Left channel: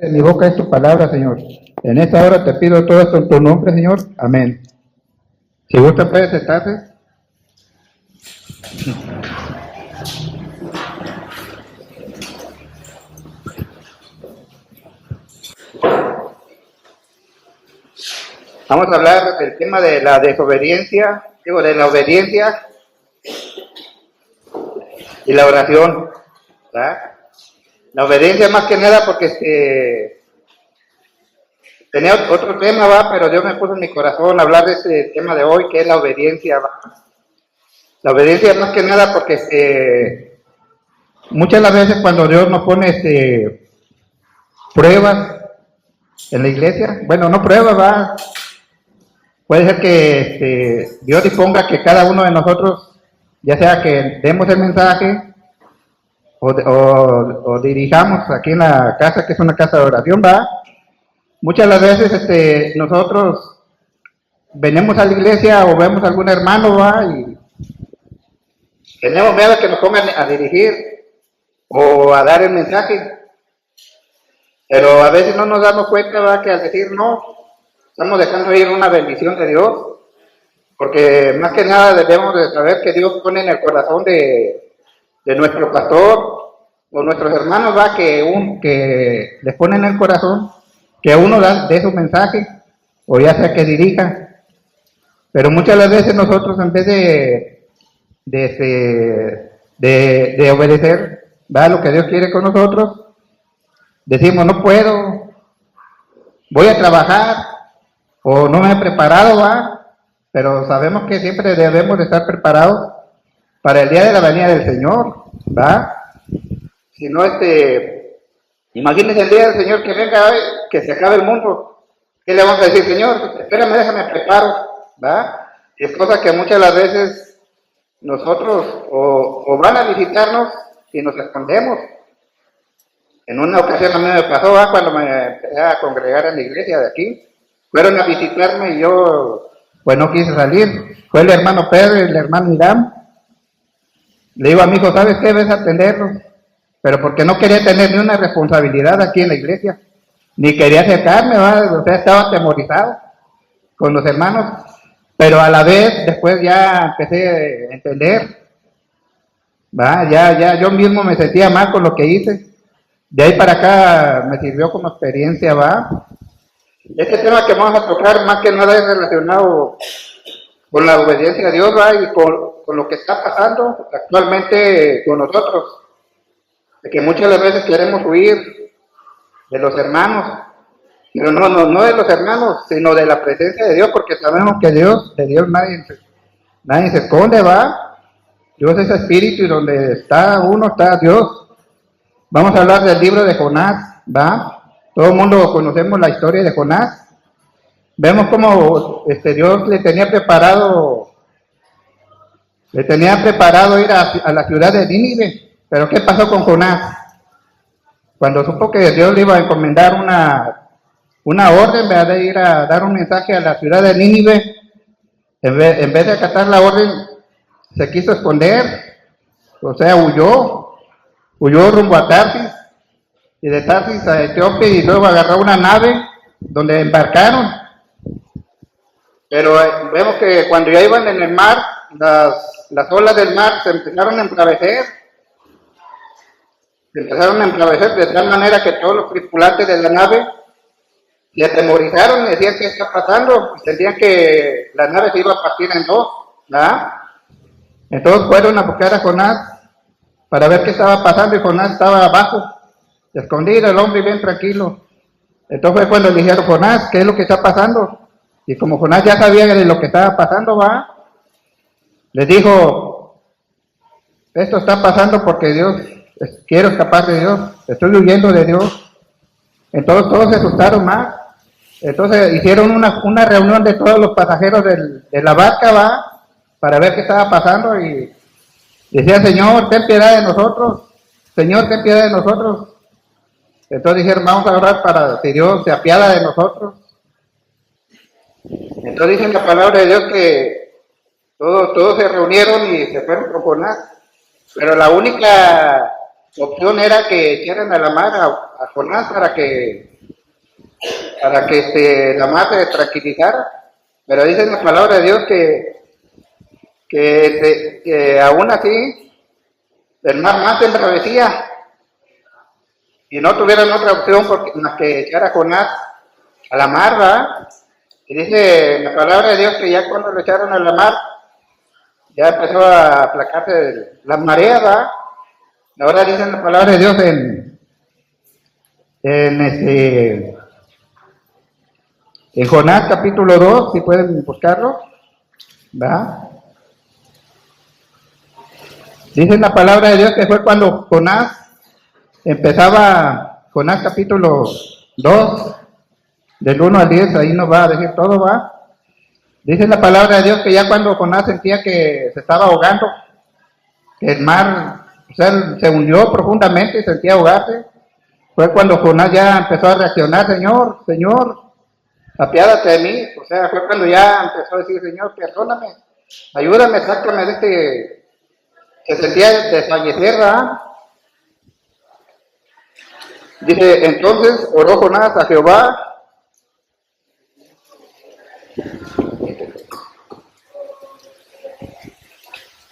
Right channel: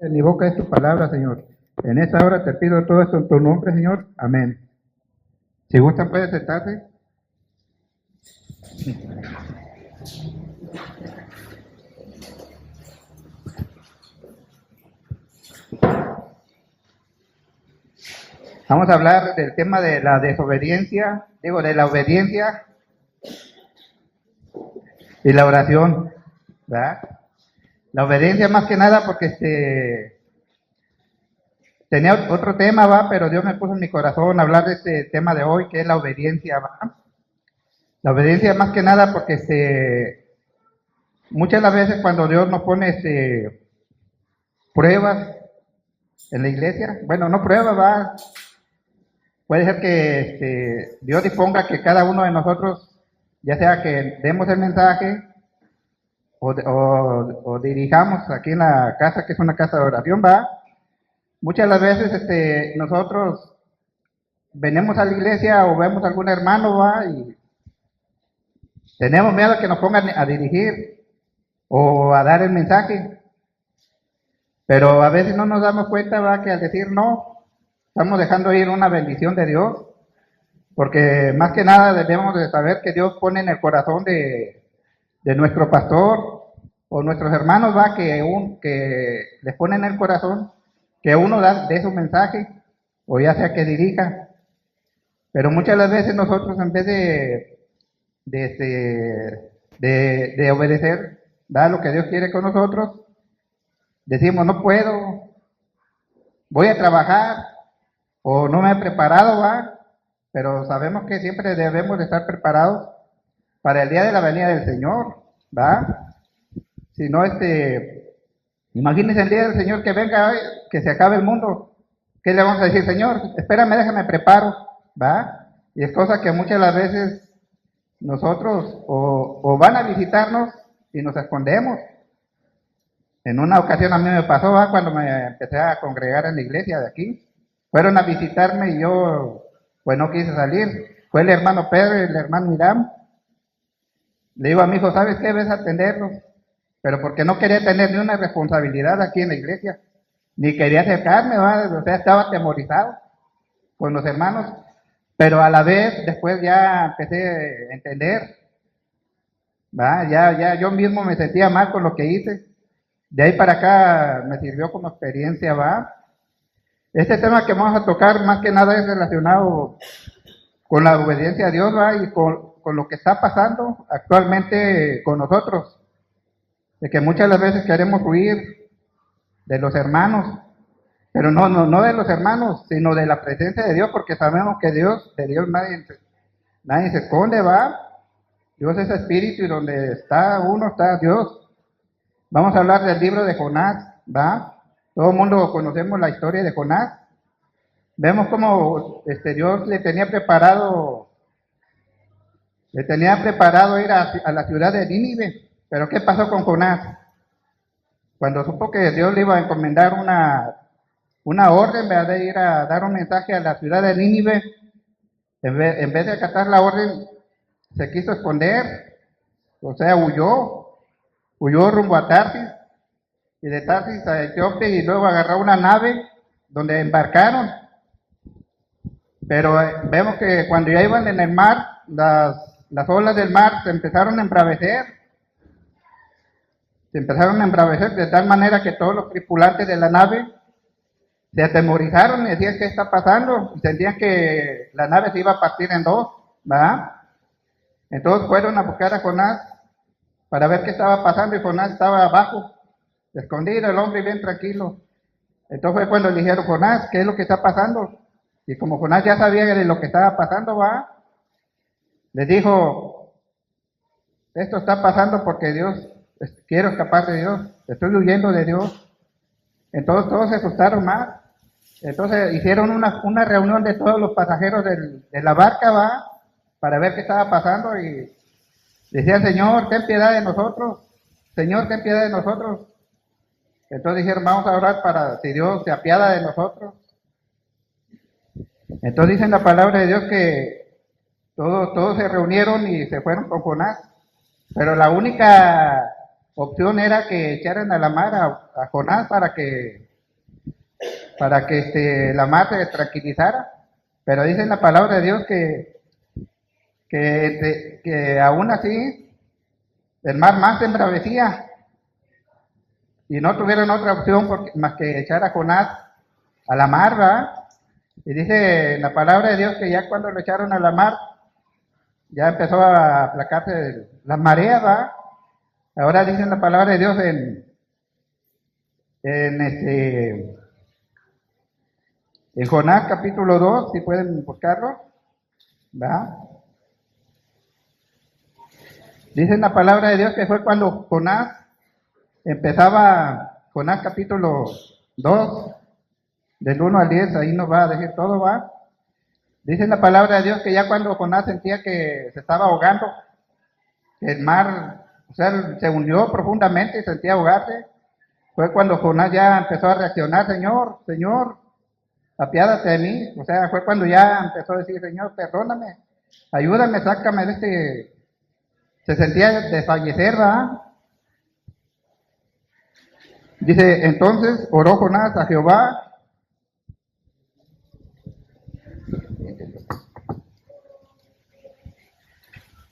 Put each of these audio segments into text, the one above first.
En mi boca es tu palabra, Señor. En esta hora te pido todo esto en tu nombre, Señor. Amén. Si gusta, puede sentarse. Vamos a hablar del tema de la desobediencia, de la obediencia y la oración, ¿verdad? La obediencia más que nada porque tenía otro tema, va, pero Dios me puso en mi corazón hablar de este tema de hoy, que es la obediencia, va. La obediencia más que nada porque muchas de las veces cuando Dios nos pone pruebas en la iglesia, bueno, no pruebas, va, puede ser que Dios disponga que cada uno de nosotros, ya sea que demos el mensaje o dirijamos aquí en la casa, que es una casa de oración, va. Muchas de las veces nosotros venimos a la iglesia o vemos a algún hermano, va, y tenemos miedo de que nos pongan a dirigir o a dar el mensaje. Pero a veces no nos damos cuenta, va, que al decir no, estamos dejando ir una bendición de Dios, porque más que nada debemos de saber que Dios pone en el corazón de nuestro pastor o nuestros hermanos, va, que les pone en el corazón que uno dé su mensaje, o ya sea que dirija. Pero muchas de las veces nosotros, en vez de obedecer, va, lo que Dios quiere con nosotros, decimos, no puedo, voy a trabajar, o no me he preparado, va, pero sabemos que siempre debemos de estar preparados para el día de la venida del Señor, va. Si no, imagínense el día del Señor que venga, que se acabe el mundo, ¿qué le vamos a decir? Señor, espérame, déjame preparo, va. Y es cosa que muchas de las veces nosotros o van a visitarnos y nos escondemos. En una ocasión a mí me pasó, ¿va? Cuando me empecé a congregar en la iglesia de aquí, fueron a visitarme y yo pues no quise salir. Fue el hermano Pedro y el hermano Irán. Le digo a mi hijo, ¿sabes qué? Ves a atenderlo. Pero porque no quería tener ni una responsabilidad aquí en la iglesia, ni quería acercarme, ¿va? O sea, estaba atemorizado con los hermanos, pero a la vez después ya empecé a entender, ¿va? Ya yo mismo me sentía mal con lo que hice. De ahí para acá me sirvió como experiencia, ¿va? Este tema que vamos a tocar más que nada es relacionado con la obediencia a Dios, ¿va? Y con lo que está pasando actualmente con nosotros. De que muchas veces queremos huir de los hermanos, pero no de los hermanos, sino de la presencia de Dios, porque sabemos que de Dios nadie se esconde, ¿va? Dios es espíritu y donde está uno está Dios. Vamos a hablar del libro de Jonás, ¿va? Todo el mundo conocemos la historia de Jonás. Vemos cómo Dios le tenía preparado ir a la ciudad de Nínive. Pero ¿qué pasó con Jonás? Cuando supo que Dios le iba a encomendar una orden, ¿verdad? De ir a dar un mensaje a la ciudad de Nínive, en vez de acatar la orden, se quiso esconder, o sea, huyó rumbo a Tarsis, y de Tarsis a Etiopía, y luego agarró una nave donde embarcaron. Pero vemos que cuando ya iban en el mar, las olas del mar se empezaron a embravecer. Se empezaron a embravecer de tal manera que todos los tripulantes de la nave se atemorizaron y decían, ¿qué está pasando? Y sentían que la nave se iba a partir en dos, ¿verdad? Entonces fueron a buscar a Jonás para ver qué estaba pasando, y Jonás estaba abajo, escondido, el hombre bien tranquilo. Entonces fue cuando le dijeron, Jonás, ¿qué es lo que está pasando? Y como Jonás ya sabía de lo que estaba pasando, ¿va? Les dijo, esto está pasando porque quiero escapar de Dios, estoy huyendo de Dios. Entonces todos se asustaron más. Entonces hicieron una reunión de todos los pasajeros de la barca, ¿va? Para ver qué estaba pasando, y decían, Señor, ten piedad de nosotros, Señor, ten piedad de nosotros. Entonces dijeron, vamos a orar para que Dios se apiada de nosotros. Entonces dice la palabra de Dios que todos se reunieron y se fueron con Jonás. Pero la única opción era que echaran a la mar a Jonás para que la mar se tranquilizara, pero dice en la palabra de Dios que aún así el mar más se embravecía y no tuvieron otra opción más que echar a Jonás a la mar, ¿verdad? Y dice en la palabra de Dios que ya cuando lo echaron a la mar, ya empezó a aplacarse las mareas, ¿verdad? Ahora dice en la palabra de Dios en Jonás capítulo 2, si pueden buscarlo, ¿verdad? Dice en la palabra de Dios que fue cuando Jonás capítulo 2, del 1 al 10, ahí nos va a decir todo, ¿va? Dice en la palabra de Dios que ya cuando Jonás sentía que se estaba ahogando, que el mar, o sea, se hundió profundamente y sentía ahogarse, fue cuando Jonás ya empezó a reaccionar: Señor, Señor, apiádate de mí. O sea, fue cuando ya empezó a decir: Señor, perdóname, ayúdame, sácame de este. Se sentía desfallecer, ¿verdad? Dice, entonces oró Jonás a Jehová.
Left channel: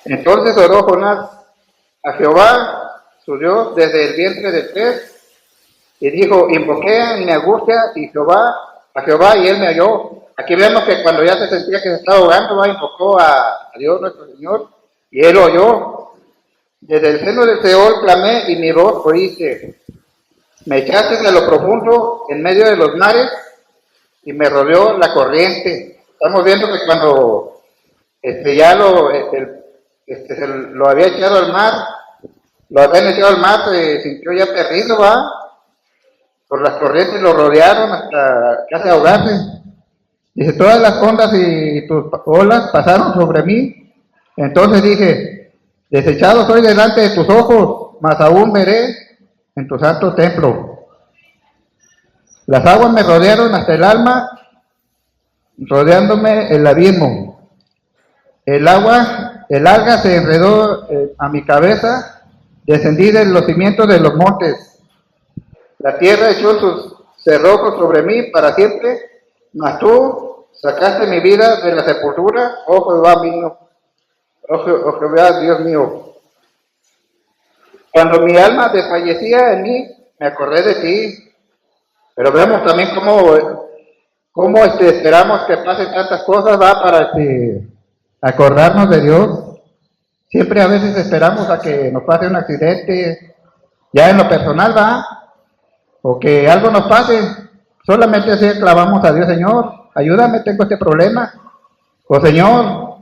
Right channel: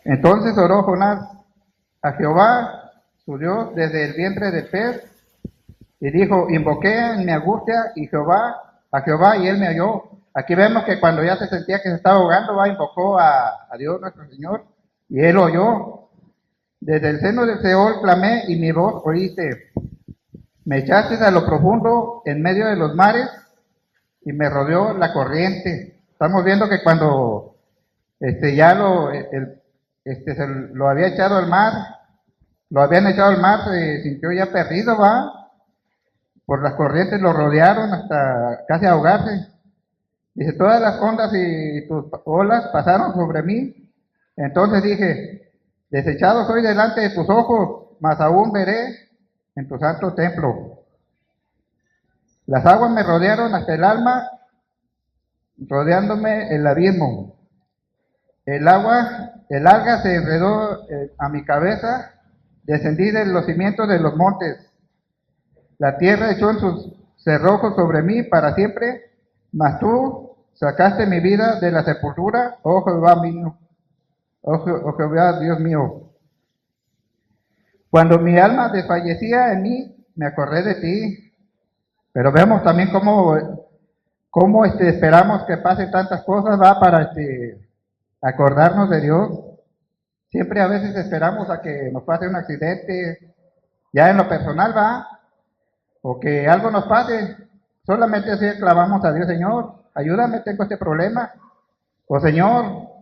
Entonces oró Jonás a Jehová, su Dios, desde el vientre del pez, y dijo: invoqué en mi angustia a Jehová, y él me oyó. Aquí vemos que cuando ya se sentía que se estaba ahogando, invocó a Dios nuestro Señor, y él oyó. Desde el seno del Seol clamé, y mi voz oíste. Me echaste a lo profundo, en medio de los mares, y me rodeó la corriente. Estamos viendo que cuando ya se lo había echado al mar, se sintió ya perdido, ¿va? Por las corrientes lo rodearon hasta casi ahogarse. Dice, todas las ondas y tus olas pasaron sobre mí. Entonces dije, desechado soy delante de tus ojos, mas aún veré en tu santo templo. Las aguas me rodearon hasta el alma, rodeándome el abismo. El alga se enredó a mi cabeza, descendí de los cimientos de los montes. La tierra echó sus cerrojos sobre mí para siempre, mas tú sacaste mi vida de la sepultura, oh Jehová mío, oh Jehová Dios mío. Cuando mi alma desfallecía en mí, me acordé de ti. Pero vemos también cómo esperamos que pasen tantas cosas, ¿va? Para acordarnos de Dios. Siempre a veces esperamos a que nos pase un accidente, ya en lo personal, ¿va? O que algo nos pase. Solamente así clamamos a Dios: Señor, ayúdame, tengo este problema. O Señor,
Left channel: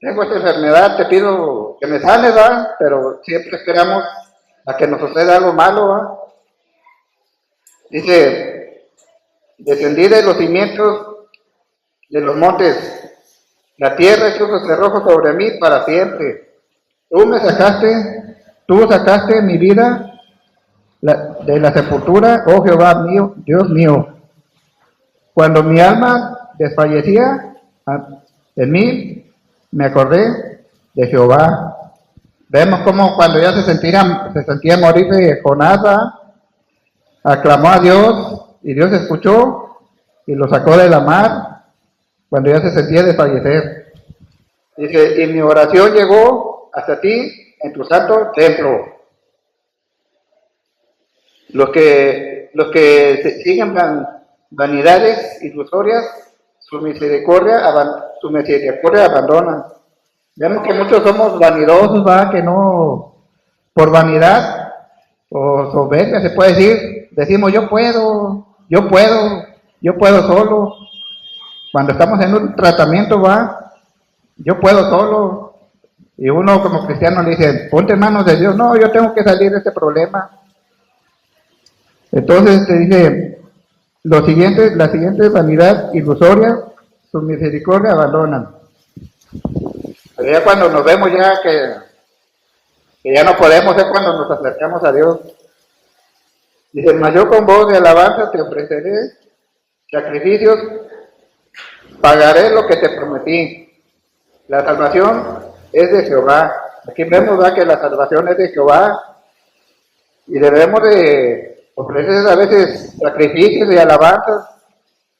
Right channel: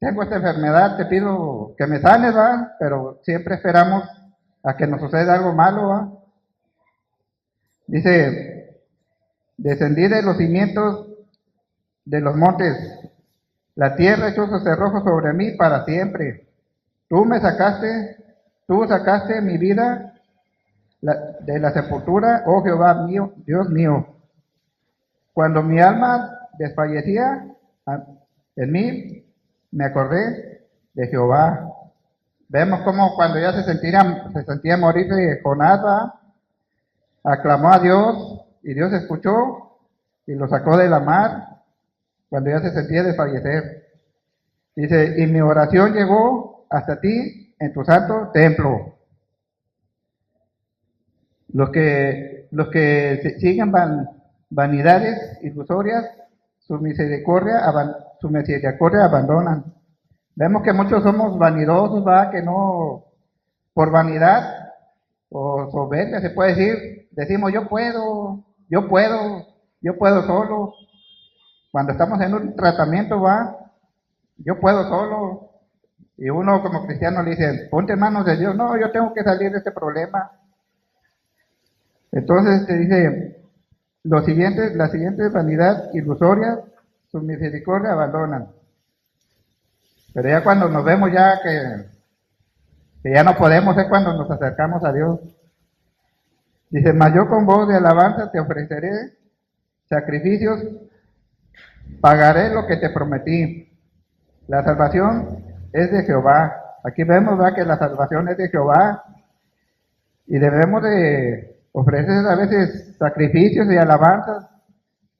tengo esta enfermedad, te pido que me sanes, ¿va? Pero siempre esperamos a que nos suceda algo malo, ¿va? Dice, descendí de los cimientos de los montes, la tierra echó sus cerrojos sobre mí para siempre. Tú sacaste mi vida de la sepultura, oh Jehová mío, Dios mío. Cuando mi alma desfallecía en mí, me acordé de Jehová. Vemos cómo cuando ya se sentía morirse Jonás, aclamó a Dios, y Dios escuchó y lo sacó de la mar cuando ya se sentía desfallecer. Dice, y mi oración llegó hasta ti en tu santo templo. Los que siguen vanidades ilusorias, su misericordia abandonan. Vemos que muchos somos vanidosos, ¿va? Que no, por vanidad o soberbia se puede decir, decimos yo puedo solo. Cuando estamos en un tratamiento, ¿va? Yo puedo solo. Y uno como cristiano le dice, ponte en manos de Dios. No, yo tengo que salir de este problema. Entonces te dice, las siguientes vanidad ilusoria, su misericordia abandonan. Pero ya cuando nos vemos ya que ya no podemos, es cuando nos acercamos a Dios. Dice, mas yo con voz de alabanza te ofreceré sacrificios, pagaré lo que te prometí. La salvación es de Jehová. Aquí vemos, ¿va? Que la salvación es de Jehová. y debemos de ofrecer a veces sacrificios y alabanzas,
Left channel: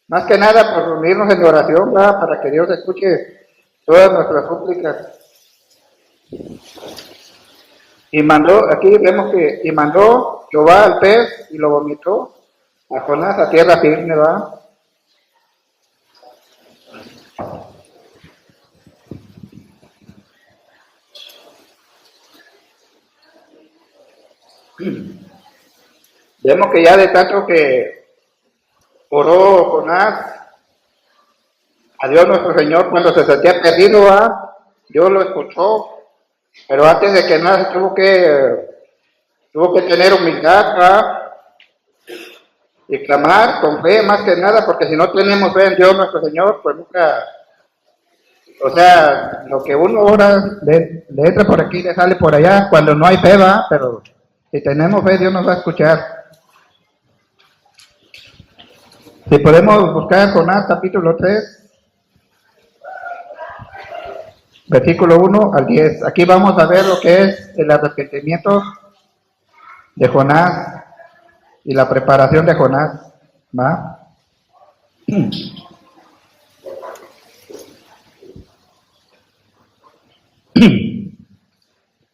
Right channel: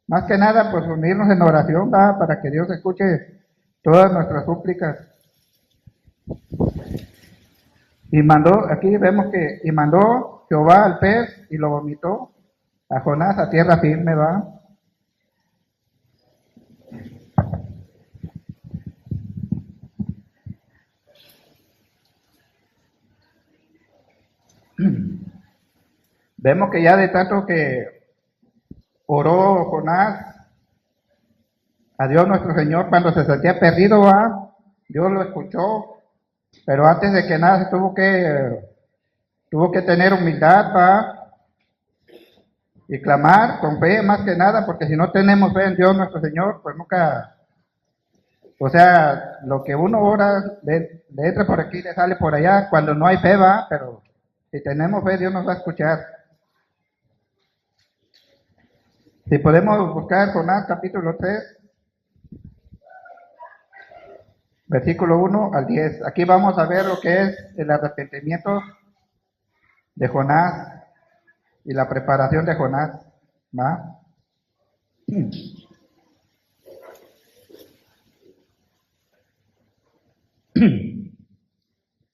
más que nada por unirnos en oración, ¿verdad? Para que Dios escuche todas nuestras súplicas. Y aquí vemos que mandó Jehová al pez y lo vomitó a Jonás a tierra firme, ¿va? Vemos que ya de tanto que oró Jonás a Dios nuestro Señor cuando se sentía perdido, ¿va? Dios lo escuchó, pero antes de que nada tuvo que tener humildad, ¿va? Y clamar con fe más que nada, porque si no tenemos fe en Dios nuestro Señor, pues nunca, o sea, lo que uno ora, le entra por aquí, le sale por allá, cuando no hay fe, va, pero si tenemos fe, Dios nos va a escuchar. Si podemos buscar Jonás capítulo 3, versículo 1 al 10. Aquí vamos a ver lo que es el arrepentimiento de Jonás y la preparación de Jonás, ¿va?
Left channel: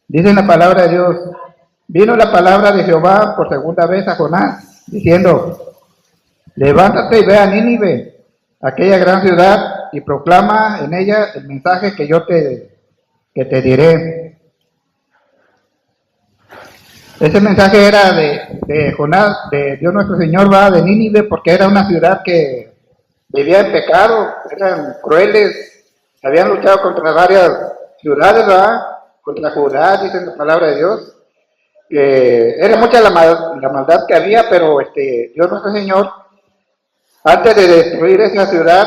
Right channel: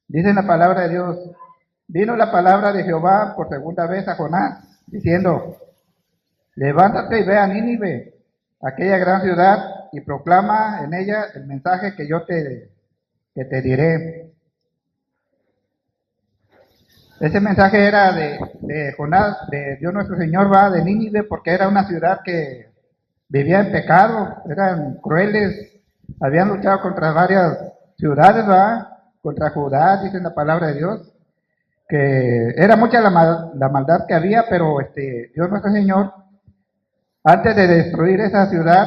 Dice la palabra de Dios: vino la palabra de Jehová por segunda vez a Jonás, diciendo: levántate y ve a Nínive, aquella gran ciudad, y proclama en ella el mensaje que te diré. Ese mensaje era de Jonás, de Dios nuestro Señor, va, de Nínive, porque era una ciudad que vivía en pecado, eran crueles, habían luchado contra varias ciudades, va, contra Judá, dice la palabra de Dios, que era mucha la maldad que había, pero Dios nuestro Señor, antes de destruir esa ciudad,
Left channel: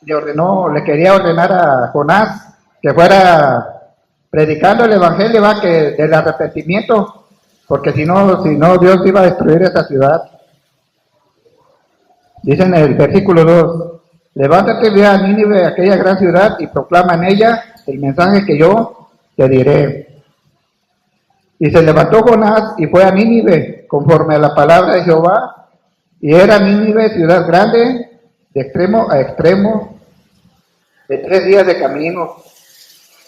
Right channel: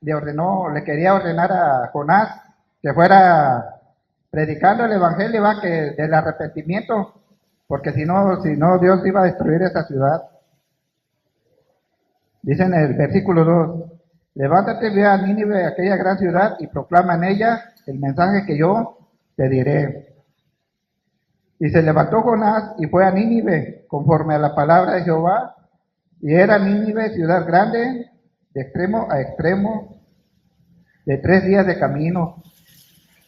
le quería ordenar a Jonás que fuera predicando el evangelio, va, que del arrepentimiento, porque si no Dios iba a destruir esa ciudad. Dice en el versículo 2: levántate, ve a Nínive, aquella gran ciudad, y proclama en ella el mensaje que yo te diré. Y se levantó Jonás y fue a Nínive, conforme a la palabra de Jehová. Y era Nínive ciudad grande, de extremo a extremo, de 3 días de camino.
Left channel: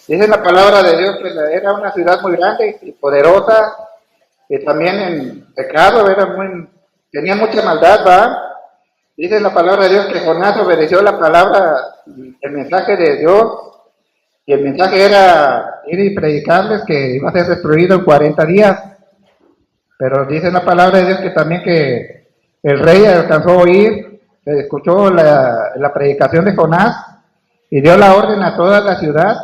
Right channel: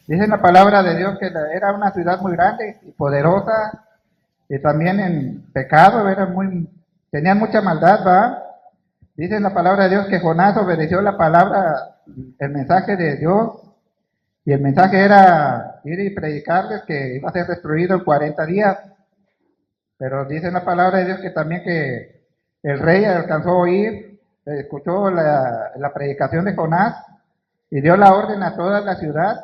Dice la palabra de Dios que era una ciudad muy grande y poderosa, y también en pecado, tenía mucha maldad, ¿va? Dice la palabra de Dios que Jonás obedeció la palabra, el mensaje de Dios, y el mensaje era ir y predicarles que iba a ser destruido en 40 días. Pero dice la palabra de Dios que también que el rey alcanzó a oír, escuchó la predicación de Jonás y dio la orden a toda la ciudad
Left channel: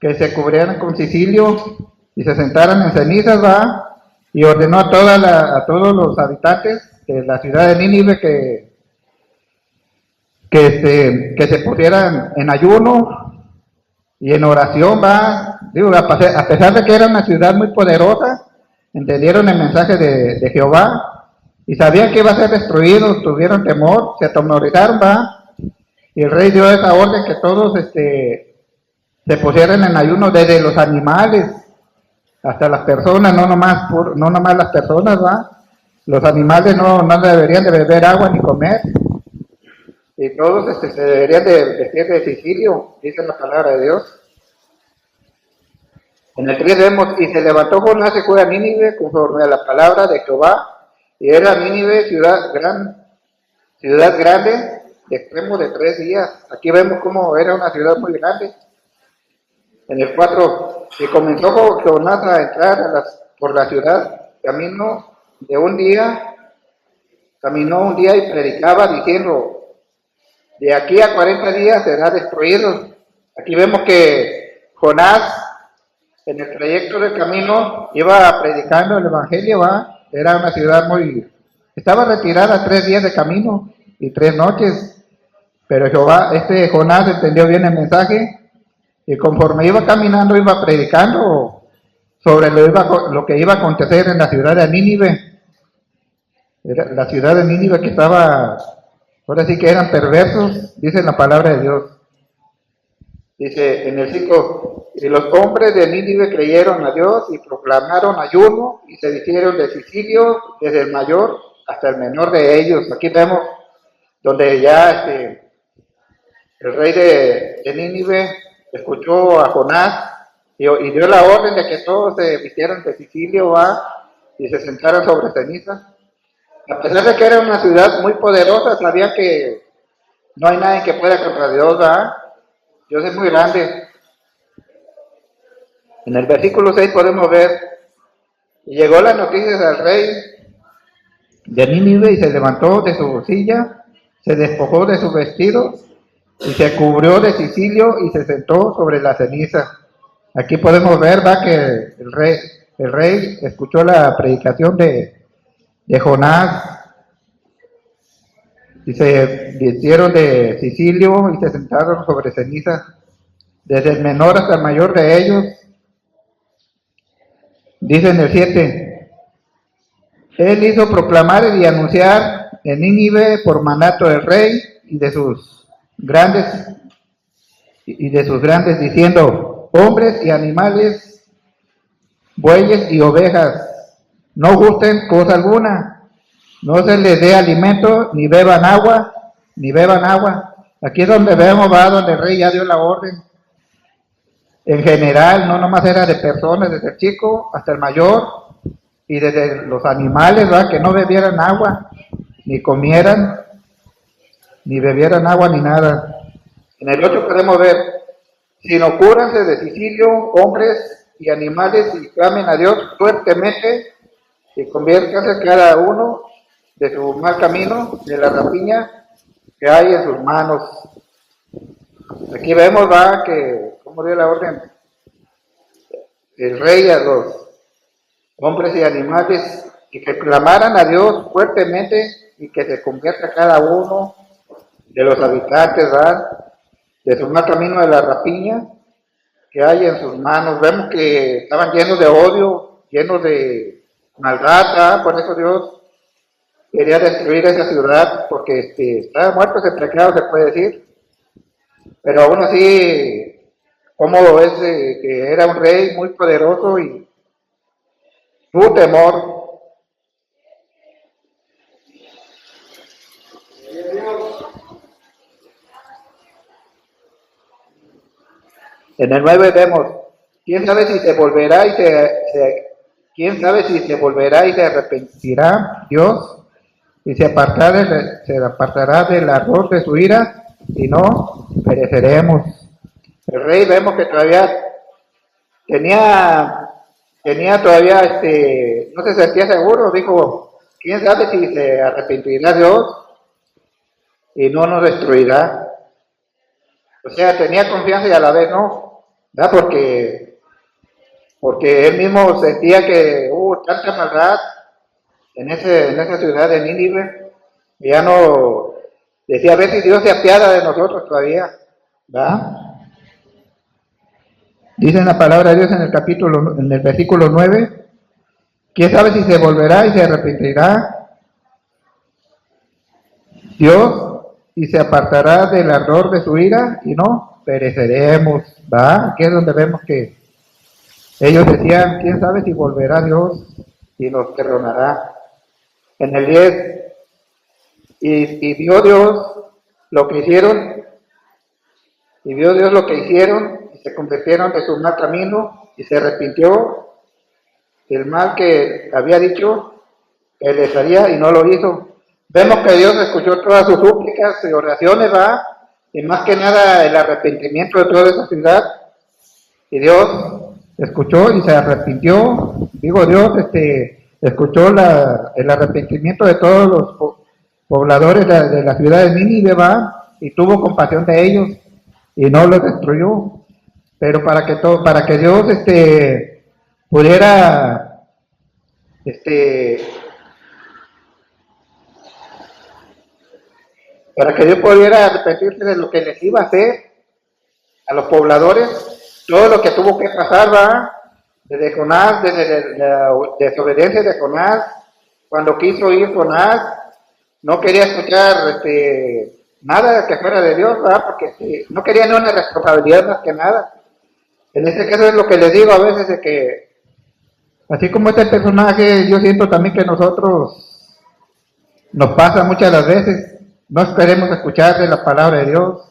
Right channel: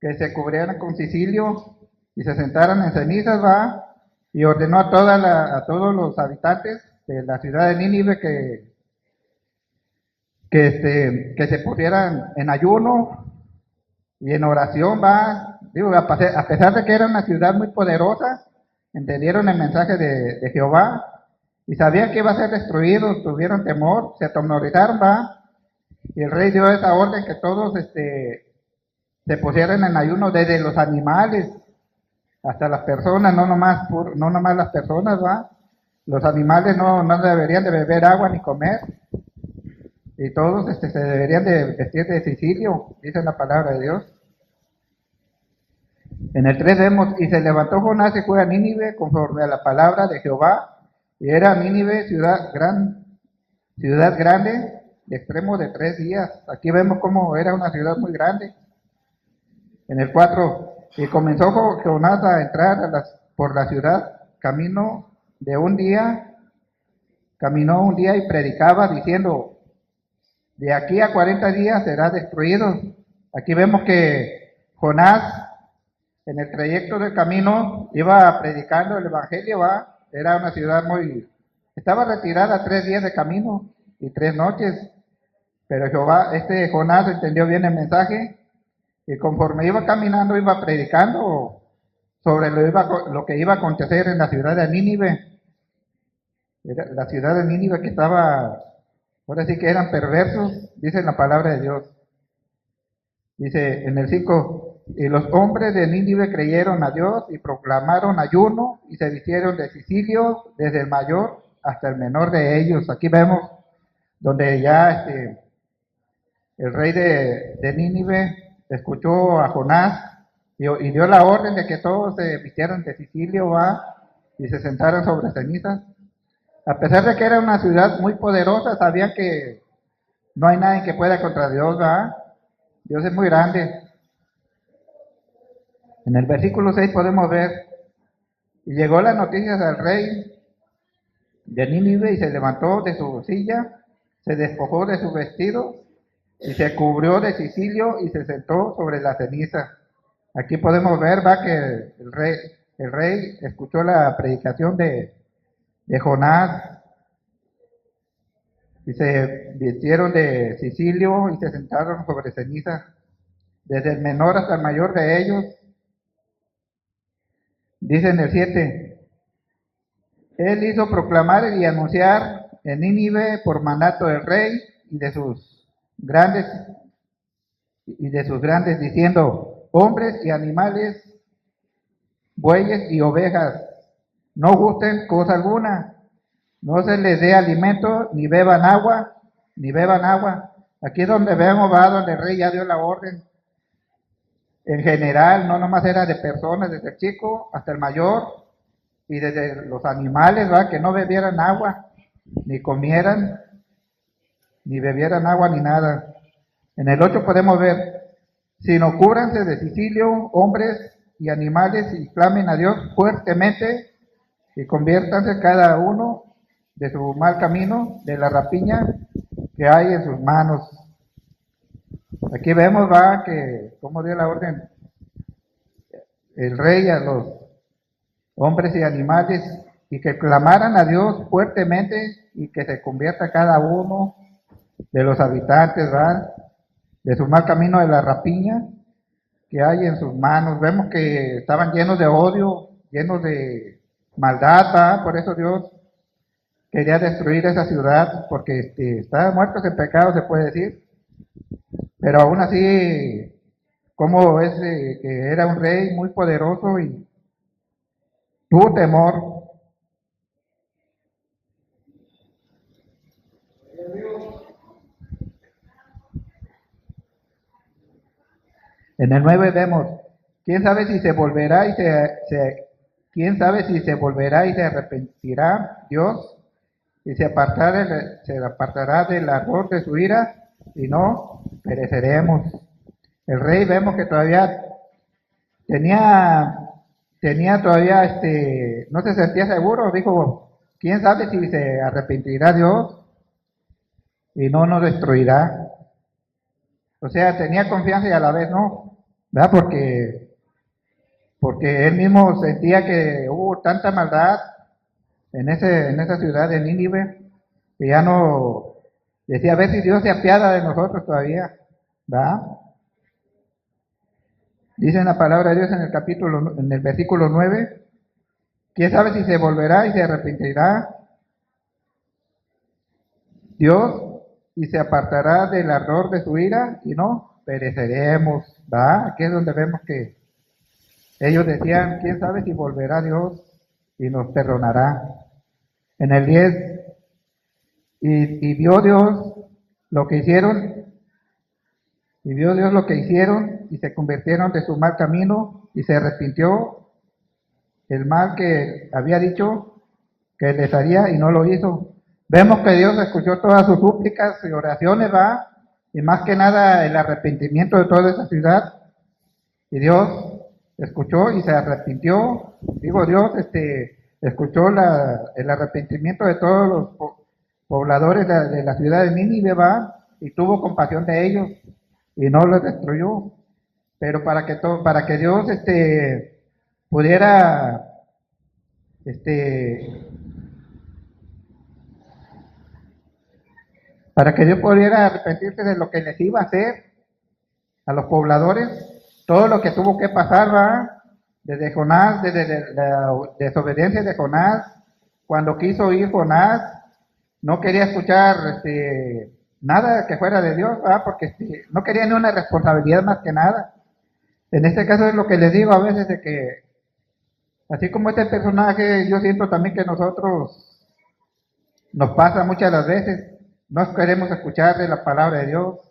que se cubrieran con sicilio y se sentaran en cenizas, va, y ordenó a todos los habitantes de la ciudad de Nínive que se pusieran en ayuno y en oración, va. Digo, a pesar de que era una ciudad muy poderosa, entendieron el mensaje de Jehová y sabían que iba a ser destruido, tuvieron temor, se atemorizaron, va, y el rey dio esa orden que todos se pusieran en ayuno, desde los animales hasta las personas, no nomás las personas, va, los animales no deberían de beber agua ni comer, y todos se deberían de vestir de sicilio, dice la palabra de Dios. En el 3 vemos: y se levantó Jonás y fue a Nínive conforme a la palabra de Jehová. Y era Nínive ciudad grande, de extremo de 3 días. Aquí vemos cómo era una ciudad muy grande. En el 4, y comenzó Jonás a entrar por la ciudad, caminó un día y predicaba diciendo: de aquí a 40 días será destruido. Aquí vemos que Jonás, en el trayecto del camino, iba predicando el evangelio, va. Era una ciudad estaba retirada 3 días de camino y 3 noches, pero Jonás entendió bien el mensaje, y conforme iba caminando, iba predicando sobre lo que iba a acontecer en la ciudad de Nínive. Era la ciudad de Nínive que estaba, ahora sí que eran perversos, dice la palabra de Dios. Dice en el 5: Y los hombres de Nínive creyeron a Dios y proclamaron ayuno y se vistieron de cisilio desde el mayor hasta el menor de ellos. Aquí vemos donde ya el rey de Nínive escuchó a Jonás y dio la orden de que todos se vistieran de cisilio y se sentaran sobre cenizas. A pesar de que era una ciudad muy poderosa, sabían que no hay nadie que pueda contra Dios, ¿verdad? Dios es muy grande. En el versículo 6 podemos ver, y llegó las noticias al rey de Nínive y se levantó de su silla, se despojó de su vestido y se cubrió de cisilio y se sentó sobre la ceniza. Aquí podemos ver, va, que el rey escuchó la predicación de Jonás y se vistieron de cisilio y se sentaron sobre ceniza, desde el menor hasta el mayor de ellos. Dice en el 7, él hizo proclamar y anunciar en Nínive por mandato del rey y de sus grandes diciendo, hombres y animales, bueyes y ovejas, no gusten cosa alguna, no se les dé alimento, ni beban agua. Aquí es donde vemos, donde el rey ya dio la orden. En general, no nomás era de personas, desde el chico hasta el mayor, y desde los animales, que no bebieran agua, ni comieran, ni bebieran agua, ni nada. En el 8 podemos ver, sino cúranse de cisilio, hombres y animales, y clamen a Dios fuertemente, y conviértanse cada uno de su mal camino, de la rapiña que hay en sus manos. Aquí vemos, que cómo dio la orden el rey a los hombres y animales, y que clamaran a Dios fuertemente, y que se convierta cada uno de los habitantes, de su mal camino de la rapiña que hay en sus manos. Vemos que estaban llenos de odio, llenos de maldad, por eso Dios quería destruir esa ciudad, porque estaban muertos en pecado, se puede decir. Pero aún así, como es que era un rey muy poderoso y tuvo temor. En el 9 vemos, quién sabe si se volverá quién sabe si se volverá y se arrepentirá Dios y se apartará del ardor de su ira, y no pereceremos. El rey vemos que todavía tenía todavía, no se sentía seguro, dijo, quién sabe si se arrepentirá Dios y no nos destruirá. O sea, tenía confianza y a la vez no, ¿verdad? Porque él mismo sentía que hubo tanta maldad en esa ciudad de Nínive, y ya no, decía, a ver si Dios se apiada de nosotros todavía, ¿verdad? Dice la palabra de Dios en el versículo 9, quién sabe si se volverá y se arrepentirá Dios y se apartará del ardor de su ira y no pereceremos, ¿va? Aquí es donde vemos que ellos decían, quién sabe si volverá Dios y nos perdonará. En el 10, y vio Dios lo que hicieron, y se convirtieron de su mal camino y se arrepintió el mal que había dicho que les haría y no lo hizo. Vemos que Dios escuchó todas sus súplicas y oraciones, y más que nada el arrepentimiento de toda esa ciudad, y Dios escuchó y se arrepintió. Digo, Dios escuchó el arrepentimiento de todos los pobladores de la ciudad de Nínive, y tuvo compasión de ellos y no los destruyó. Pero para que Dios pudiera para que Dios pudiera arrepentirse de lo que les iba a hacer a los pobladores, todo lo que tuvo que pasar, desde Jonás, desde la desobediencia de Jonás, cuando quiso ir Jonás, no quería escuchar nada que fuera de Dios, porque no quería ni una responsabilidad más que nada. En este caso es lo que les digo a veces de que, así como este personaje, yo siento también que nosotros nos pasa muchas de las veces, no queremos escuchar de la palabra de Dios,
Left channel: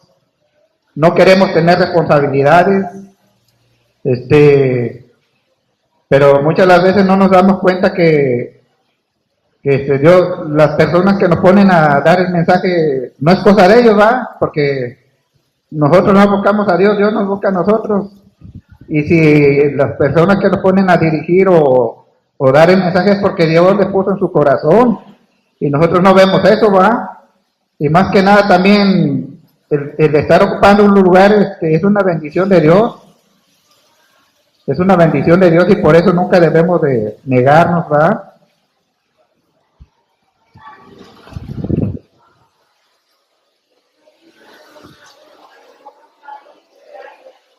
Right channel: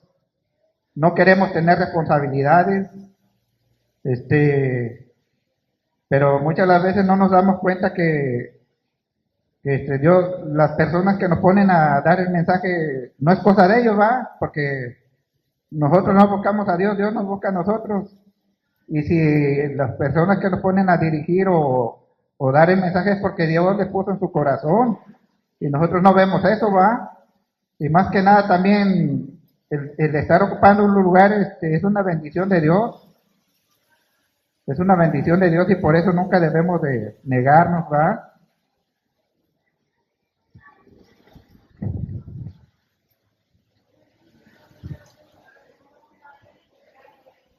no queremos tener responsabilidades, pero muchas de las veces no nos damos cuenta que Dios, las personas que nos ponen a dar el mensaje, no es cosa de ellos, ¿va? Porque nosotros no buscamos a Dios, Dios nos busca a nosotros. Y si las personas que nos ponen a dirigir o dar el mensaje es porque Dios les puso en su corazón y nosotros no vemos eso, ¿va? Y más que nada también el estar ocupando un lugar es una bendición de Dios, es una bendición de Dios y por eso nunca debemos de negarnos, ¿va?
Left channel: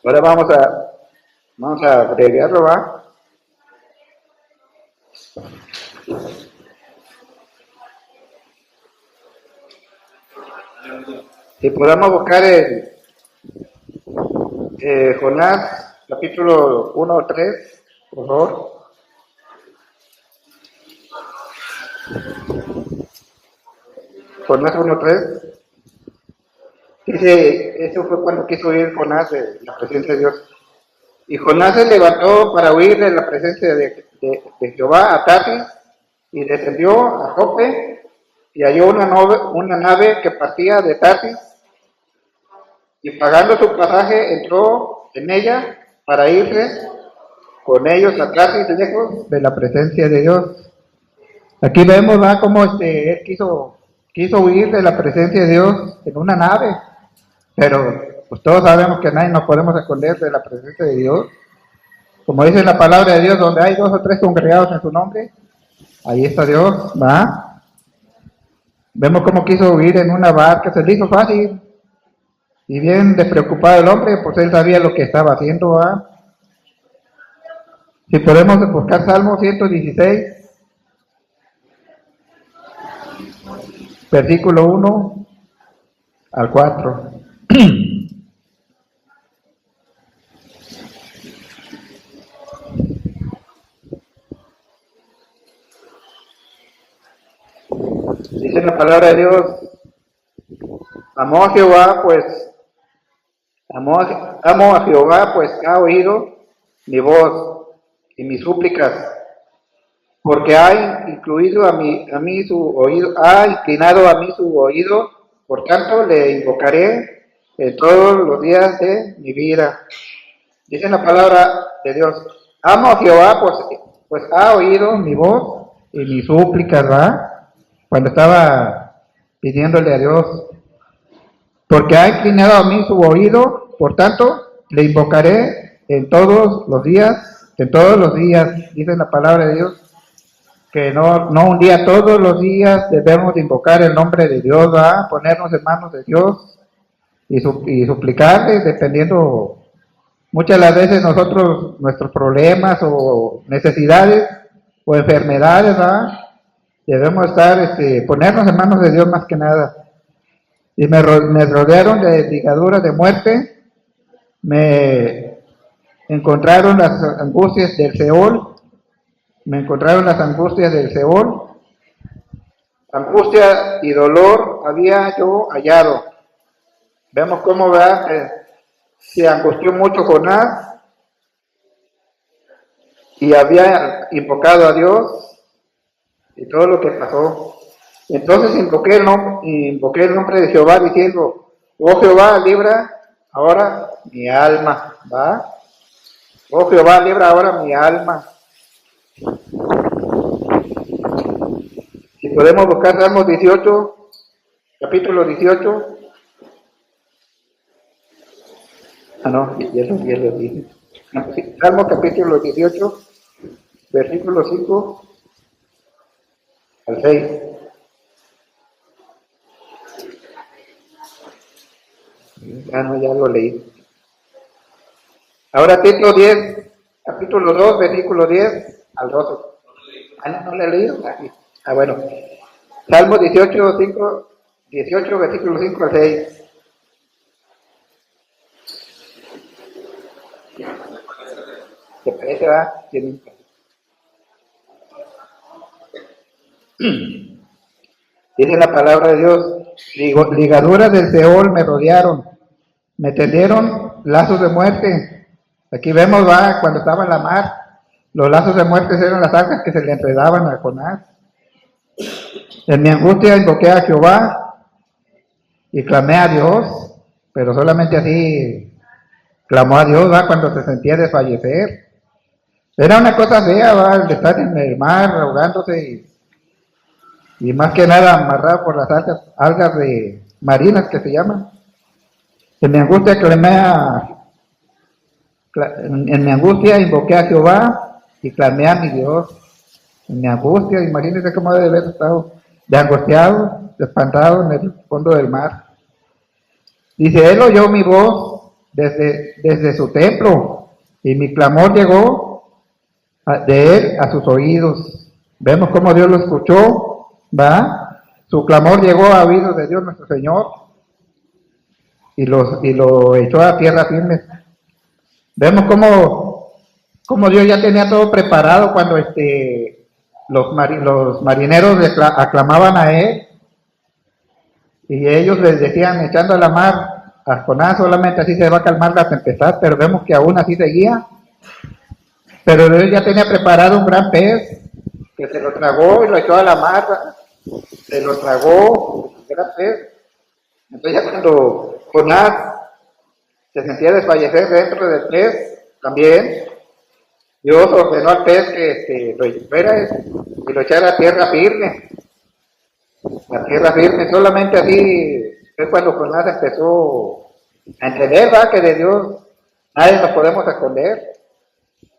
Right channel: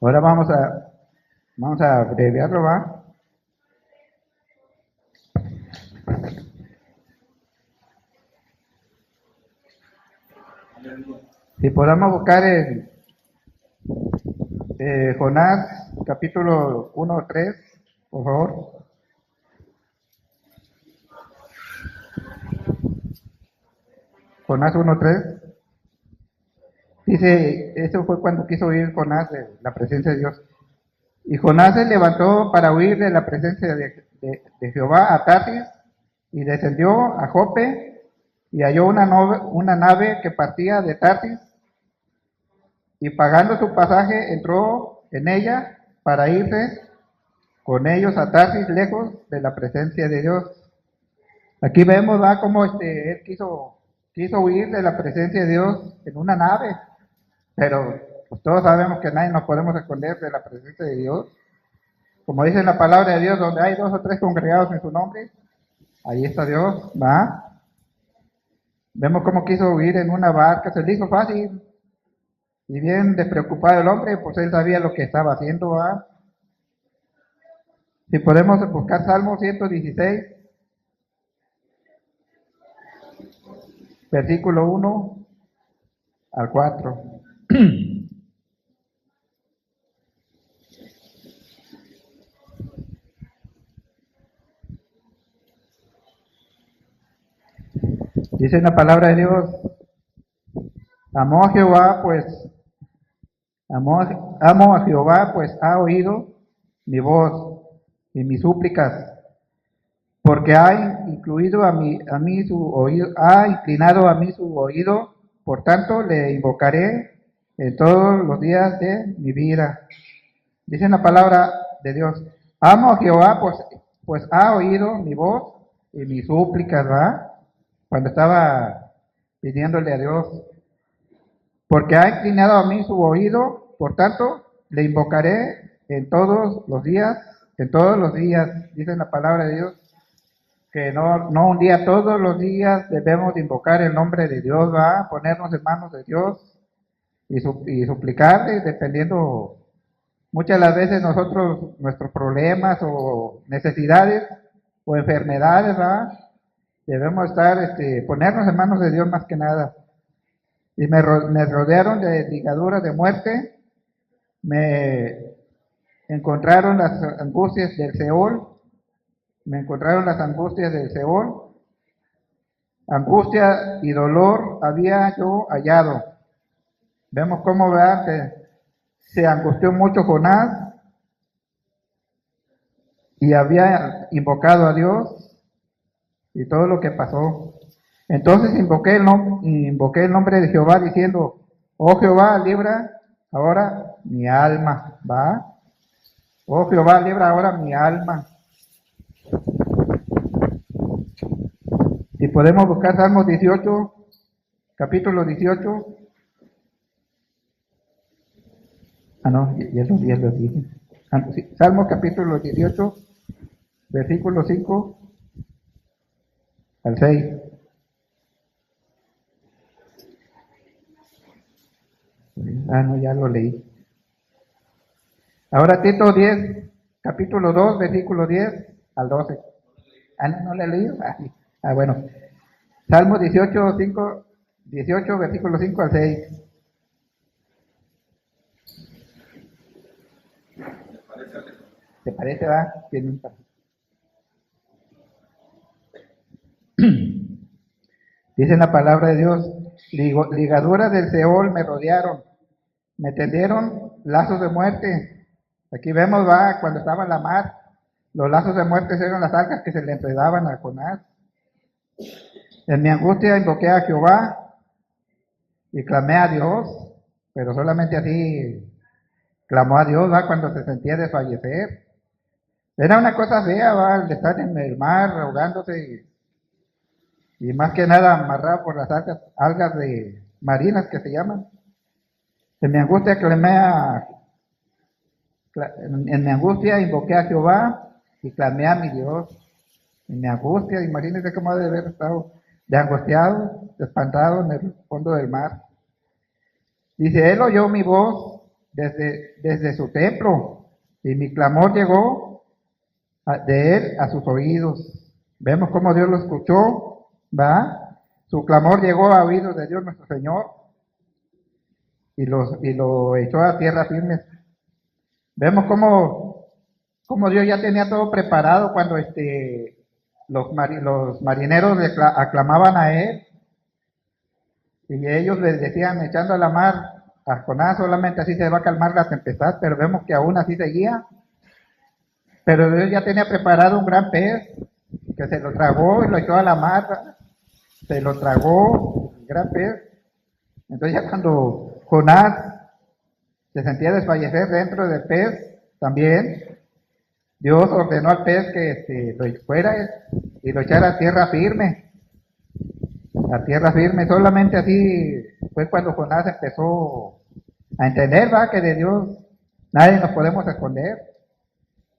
Ahora vamos a abreviarlo, ¿va? Si podamos buscar el Jonás, capítulo 1 o 3, por favor. Jonás 1:3. Dice, eso fue cuando quiso huir Jonás de la presencia de Dios. Y Jonás se levantó para huir de la presencia de Jehová a Tarsis y descendió a Jope y halló una nave que partía de Tarsis y pagando su pasaje entró en ella para irse con ellos a Tarsis lejos de la presencia de Dios. Aquí vemos ¿va? Cómo él quiso huir de la presencia de Dios en una nave, pero pues todos sabemos que nadie nos podemos esconder de la presencia de Dios. Como dice la palabra de Dios, donde hay 2 o 3 congregados en su nombre, ahí está Dios, ¿va? Vemos cómo quiso huir en una barca, se le hizo fácil, y bien despreocupado el hombre, pues él sabía lo que estaba haciendo, ¿va? Si podemos buscar Salmo 116, versículo 1 al 4. Dice la palabra de Dios, amo a Jehová, pues amo a Jehová, pues ha oído mi voz y mis súplicas, porque ha incluido a mí su oído, ha inclinado a mí su oído, por tanto le invocaré en todos los días de mi vida. Dice la palabra de Dios, amo a Jehová, pues ha oído mi voz y mis súplicas, ¿va? Cuando estaba pidiéndole a Dios, porque ha inclinado a mí su oído, por tanto, le invocaré en todos los días, dice la palabra de Dios, que no un día, todos los días debemos invocar el nombre de Dios, ¿va? Ponernos en manos de Dios y suplicarle, dependiendo, muchas de las veces nosotros, nuestros problemas o necesidades o enfermedades, ¿va? Debemos estar, ponernos en manos de Dios más que nada. Y me rodearon de ligaduras de muerte, me encontraron las angustias del Seol, angustia y dolor había yo hallado. Vemos cómo va, se angustió mucho Jonás y había invocado a Dios y todo lo que pasó. Entonces invoqué el nombre de Jehová diciendo, oh Jehová, libra ahora mi alma, ¿va? Oh Jehová, libra ahora mi alma. Si podemos buscar Salmos 18, capítulo 18. No, ya lo dije. Sí, Salmo capítulo 18, versículo 5 al 6. No, ya lo leí. Ahora Tito 10, capítulo 2, versículo 10 al 12. No lo he leído. Bueno. Salmo 18, versículo 5 al 6. ¿Te parece, va? Tiene un par. Dice la palabra de Dios, ligaduras del Seol me rodearon, me tendieron lazos de muerte. Aquí vemos, va, cuando estaba en la mar, los lazos de muerte eran las algas que se le enredaban a Jonás. En mi angustia invoqué a Jehová y clamé a Dios, pero solamente así clamó a Dios, va, cuando se sentía desfallecer. Era una cosa fea, va, el de estar en el mar ahogándose y más que nada amarrado por las algas de marinas que se llaman. En mi angustia en mi angustia invoqué a Jehová y clamé a mi Dios. En mi angustia, imagínense cómo debe haber estado de angustiado, de espantado en el fondo del mar. Dice, él oyó mi voz desde su templo y mi clamor llegó de él a sus oídos. Vemos cómo Dios lo escuchó, ¿va? Su clamor llegó a oídos de Dios nuestro Señor y lo echó a tierra firme. Vemos cómo Dios ya tenía todo preparado cuando los marineros le aclamaban a él y ellos les decían, echando a la mar a Jonás, solamente así se va a calmar la tempestad, pero vemos que aún así seguía. Pero Dios ya tenía preparado un gran pez que se lo tragó y lo echó a la mar, se lo tragó el gran pez. Entonces ya cuando Jonás se sentía desfallecer dentro del pez, también Dios ordenó al pez que lo fuera y lo echara a tierra firme. A tierra firme, solamente así fue cuando Jonás empezó a entender, ¿va? Que de Dios nadie nos podemos esconder.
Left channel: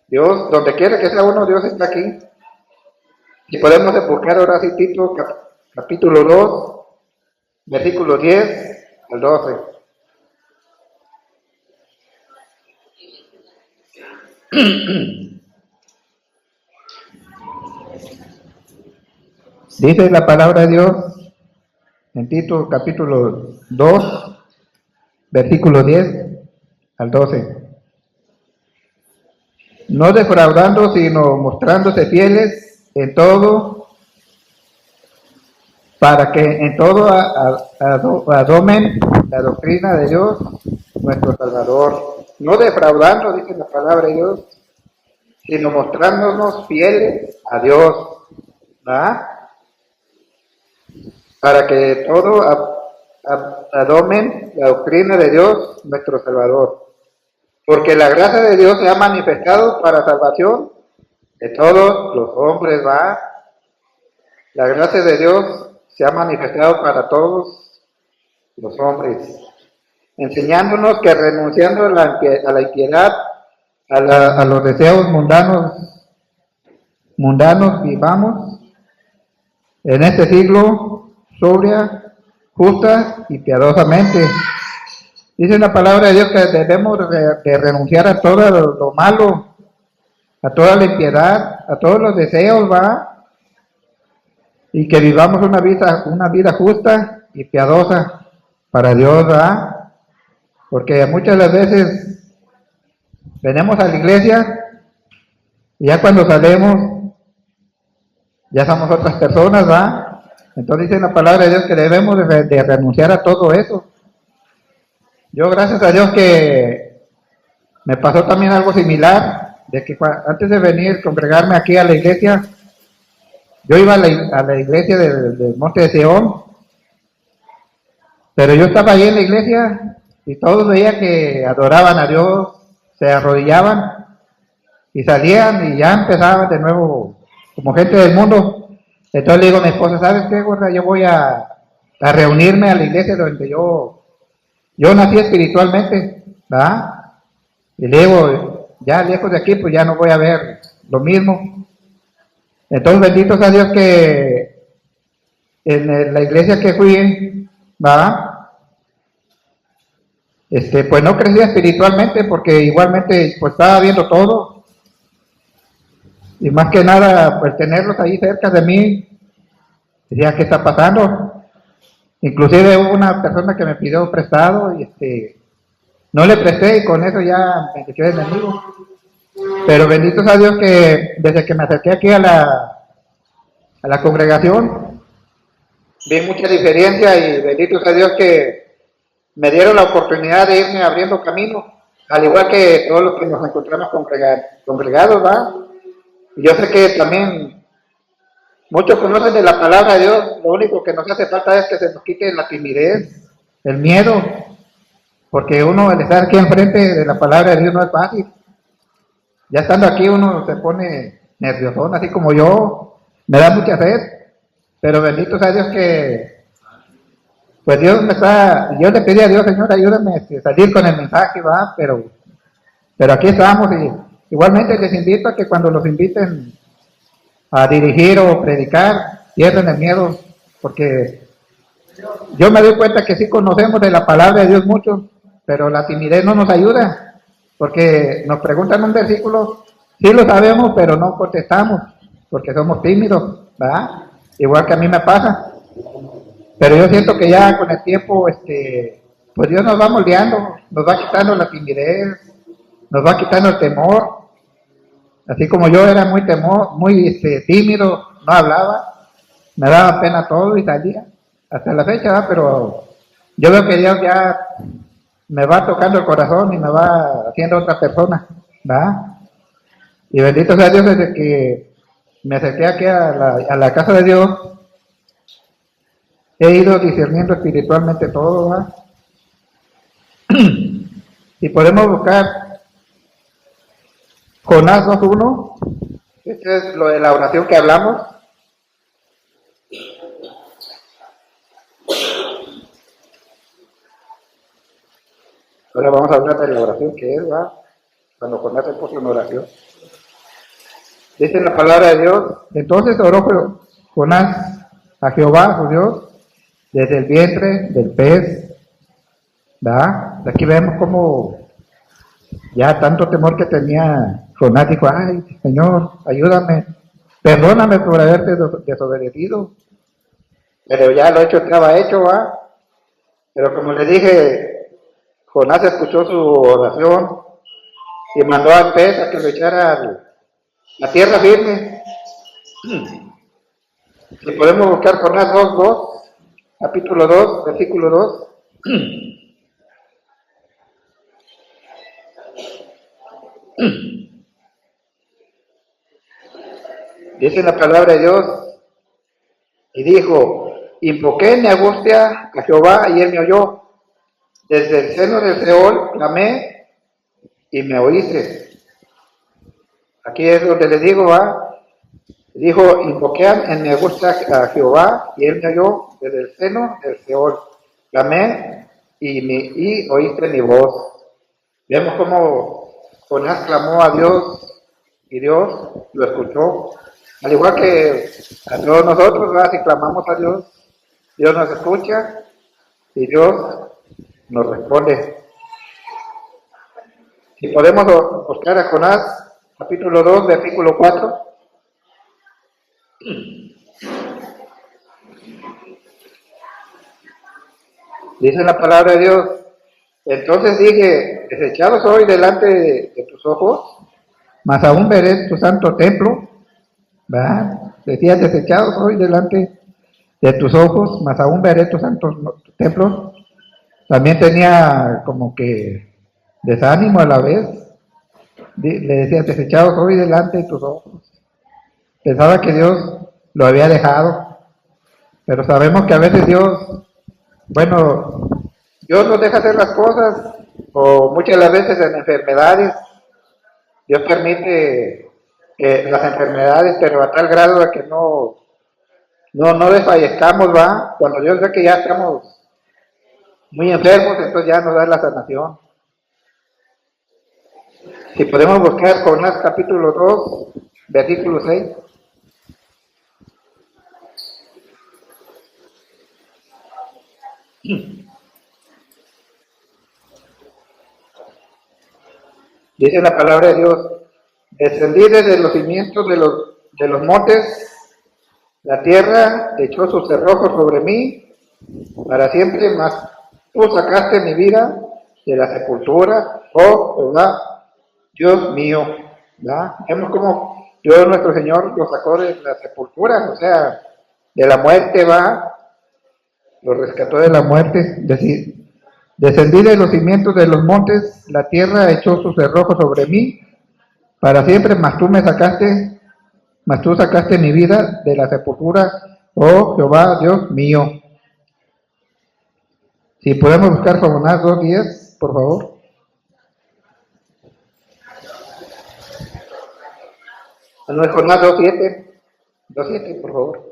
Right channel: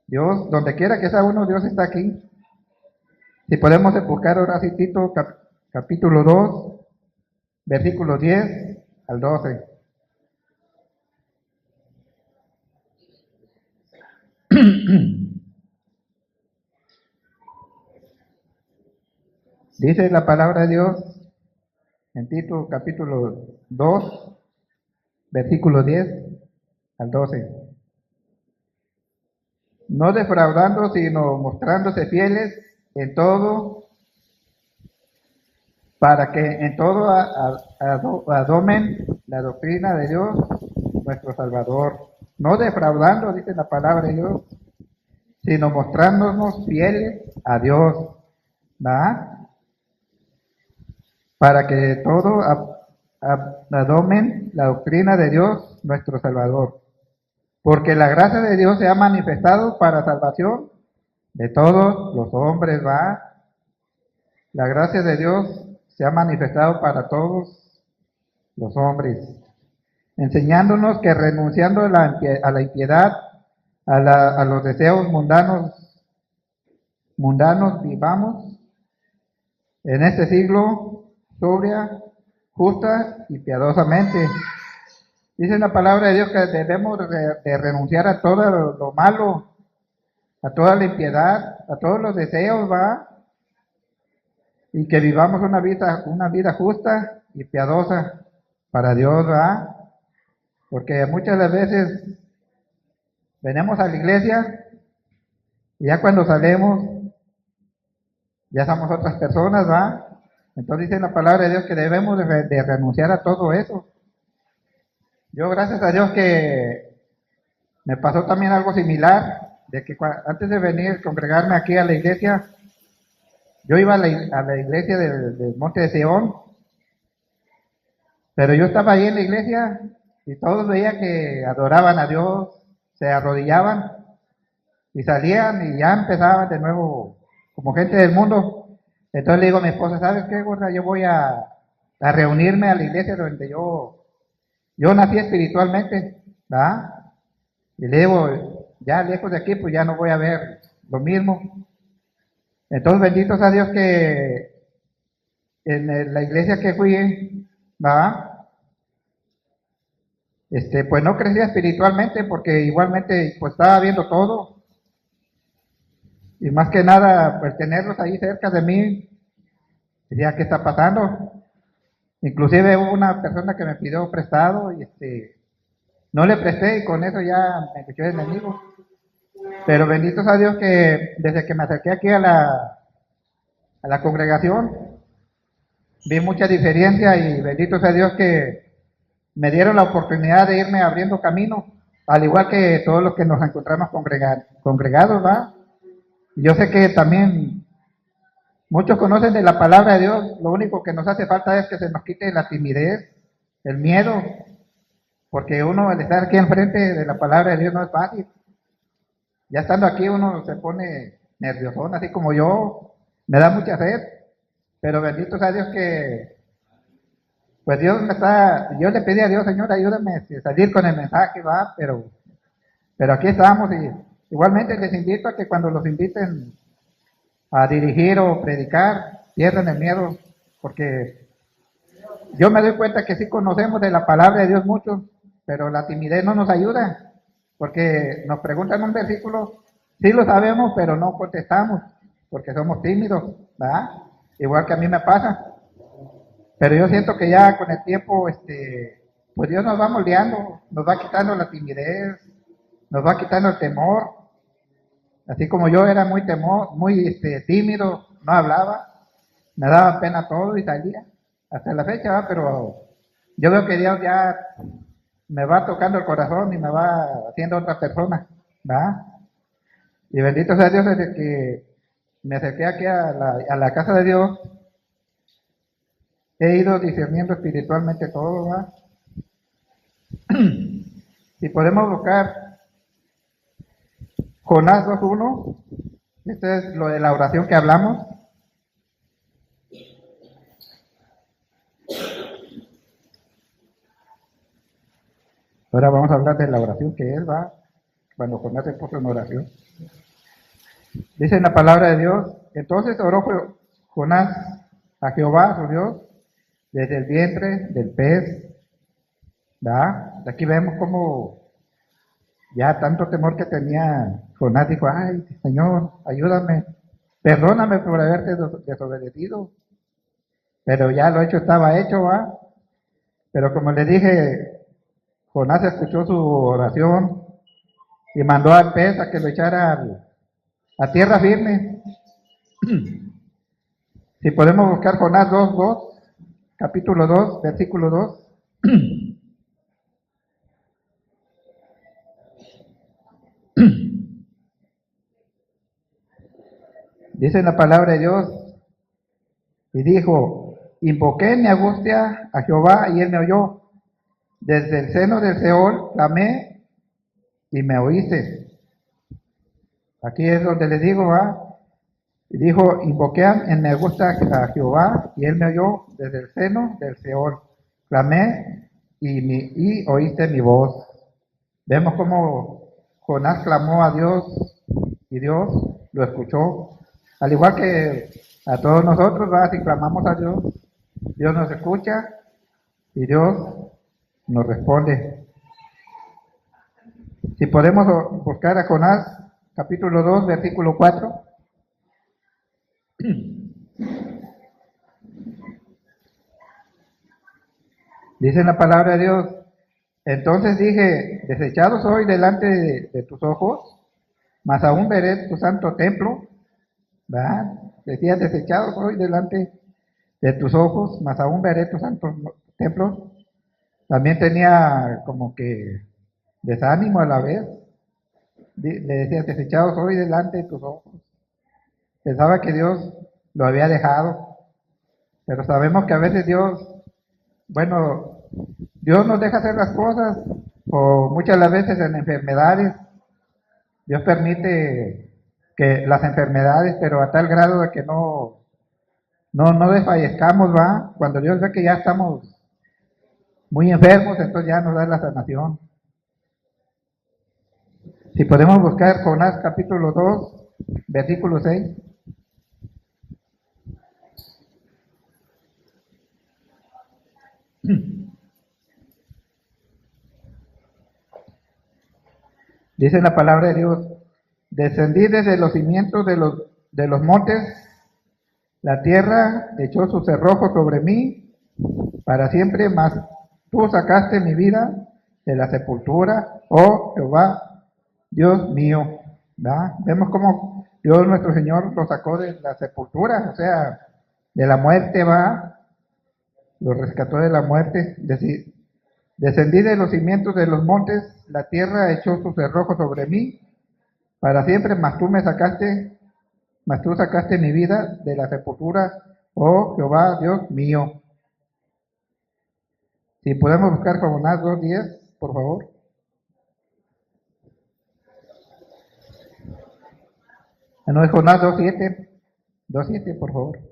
Dios, donde quiera que sea uno, Dios está aquí. Si podemos buscar ahora sí Tito capítulo 2, versículos 10 al 12. Dice la palabra de Dios en Tito capítulo 2, versículo 10 al 12. No defraudando, sino mostrándose fieles en todo, para que en todo adomen la doctrina de Dios, nuestro Salvador. No defraudando, dice la palabra de Dios, sino mostrándonos fieles a Dios, ¿verdad? Para que todo adomen la doctrina de Dios, nuestro Salvador. Porque la gracia de Dios se ha manifestado para salvación de todos los hombres, ¿va? La gracia de Dios se ha manifestado para todos los hombres, enseñándonos que renunciando a la impiedad, a los deseos mundanos vivamos en este siglo sobria, justa y piadosamente. Dice la palabra de Dios que debemos de renunciar a todo lo malo, a toda la impiedad, a todos los deseos, ¿va? Y que vivamos una vida justa y piadosa para Dios, ¿va? Porque muchas de las veces venimos a la iglesia y ya cuando salimos ya somos otras personas, ¿va? Entonces dice la palabra de Dios que debemos de renunciar a todo eso. Yo, gracias a Dios, que me pasó también algo similar, de que antes de venir a congregarme aquí a la iglesia, yo iba a la iglesia del Monte de Sion, pero yo estaba ahí en la iglesia y todos veían que adoraban a Dios, se arrodillaban y salían y ya empezaban de nuevo como gente del mundo. Entonces le digo a mi esposa, ¿sabes qué, gorda? Yo voy a reunirme a la iglesia donde yo nací espiritualmente, ¿verdad? Y le digo, ya lejos de aquí, pues ya no voy a ver lo mismo. Entonces, bendito sea Dios que en la iglesia que fui, ¿verdad? Pues no crecía espiritualmente porque igualmente pues estaba viendo todo. Y más que nada, pues tenerlos ahí cerca de mí, decía, ¿qué está pasando? Inclusive hubo una persona que me pidió prestado y no le presté y con eso ya me quedé de enemigo. Pero bendito sea Dios que desde que me acerqué aquí a la congregación, vi mucha diferencia y bendito sea Dios que me dieron la oportunidad de irme abriendo camino, al igual que todos los que nos encontramos congregados, ¿va? Y yo sé que también muchos conocen de la palabra de Dios, lo único que nos hace falta es que se nos quite la timidez, el miedo, porque uno, el estar aquí enfrente de la palabra de Dios no es fácil. Ya estando aquí uno se pone nervioso, así como yo, me da mucha sed, pero bendito sea Dios que, pues Dios yo le pedí a Dios, Señor, ayúdame a salir con el mensaje, va, pero aquí estamos y igualmente les invito a que cuando los inviten a dirigir o predicar, pierden el miedo, porque yo me doy cuenta que sí conocemos de la palabra de Dios mucho, pero la timidez no nos ayuda, porque nos preguntan un versículo, sí lo sabemos, pero no contestamos, porque somos tímidos, ¿verdad? Igual que a mí me pasa. Pero yo siento que ya con el tiempo, pues Dios nos va moldeando, nos va quitando la timidez, nos va quitando el temor. Así como yo era muy tímido, no hablaba, me daba pena todo y salía, hasta la fecha, ¿verdad? Pero yo veo que Dios ya me va tocando el corazón y me va haciendo otra persona, ¿verdad? Y bendito sea Dios desde que me acerqué aquí a la casa de Dios, he ido discerniendo espiritualmente todo, ¿verdad? Y podemos buscar Jonás 2:1, este es lo de la oración que hablamos. Ahora vamos a hablar de la oración que es, ¿va? Cuando Jonás se puso en oración. Dice en la palabra de Dios, entonces oró Jonás a Jehová, su Dios, desde el vientre del pez, ¿verdad? Aquí vemos como ya tanto temor que tenía Jonás, dijo, ay, Señor, ayúdame, perdóname por haberte desobedecido, pero ya lo hecho estaba hecho, ¿va? Pero como le dije, Jonás escuchó su oración y mandó al pez a que lo echara a tierra firme. Si podemos buscar Jonás 2:2, capítulo 2, versículo 2. Dice la palabra de Dios, y dijo, invoqué en mi angustia a Jehová y él me oyó. Desde el seno del Seol clamé y me oíste. Aquí es donde le digo, va. Dijo, invoqué en mi angustia a Jehová y él me oyó desde el seno del Seol. Clamé y oíste mi voz. Vemos cómo Jonás clamó a Dios y Dios lo escuchó. Al igual que a todos nosotros, ¿verdad? Si clamamos a Dios, Dios nos escucha y Dios nos responde. Si podemos buscar a Jonás, capítulo 2, versículo 4. Dice la palabra de Dios, entonces dije, desechado soy delante de tus ojos, mas aún veré tu santo templo, ¿verdad? Decía, desechado soy delante de tus ojos, mas aún veré tu santo templo. También tenía como que desánimo a la vez. Le decía, desechado soy delante de tus ojos. Pensaba que Dios lo había dejado, pero sabemos que a veces Dios, bueno, Dios nos deja hacer las cosas, o muchas de las veces en enfermedades, Dios permite que las enfermedades, pero a tal grado de que no desfallezcamos, va, cuando Dios ve que ya estamos muy enfermos, entonces ya nos da la sanación. Si podemos buscar Jonás capítulo 2, versículo 6. Dice la palabra de Dios, descendí desde los cimientos de los montes, la tierra echó sus cerrojos sobre mí para siempre, mas tú sacaste mi vida de la sepultura, oh Jehová, Dios mío. ¿verdad? Vemos cómo Dios nuestro Señor lo sacó de la sepultura, o sea, de la muerte, va, lo rescató de la muerte. Descendí de los cimientos de los montes, la tierra echó sus cerrojos sobre mí, para siempre, mas tú sacaste mi vida de la sepultura, oh Jehová, Dios mío. Si podemos buscar Jonás 2:10, por favor. No es Jonás 2:7. 2:7, por favor.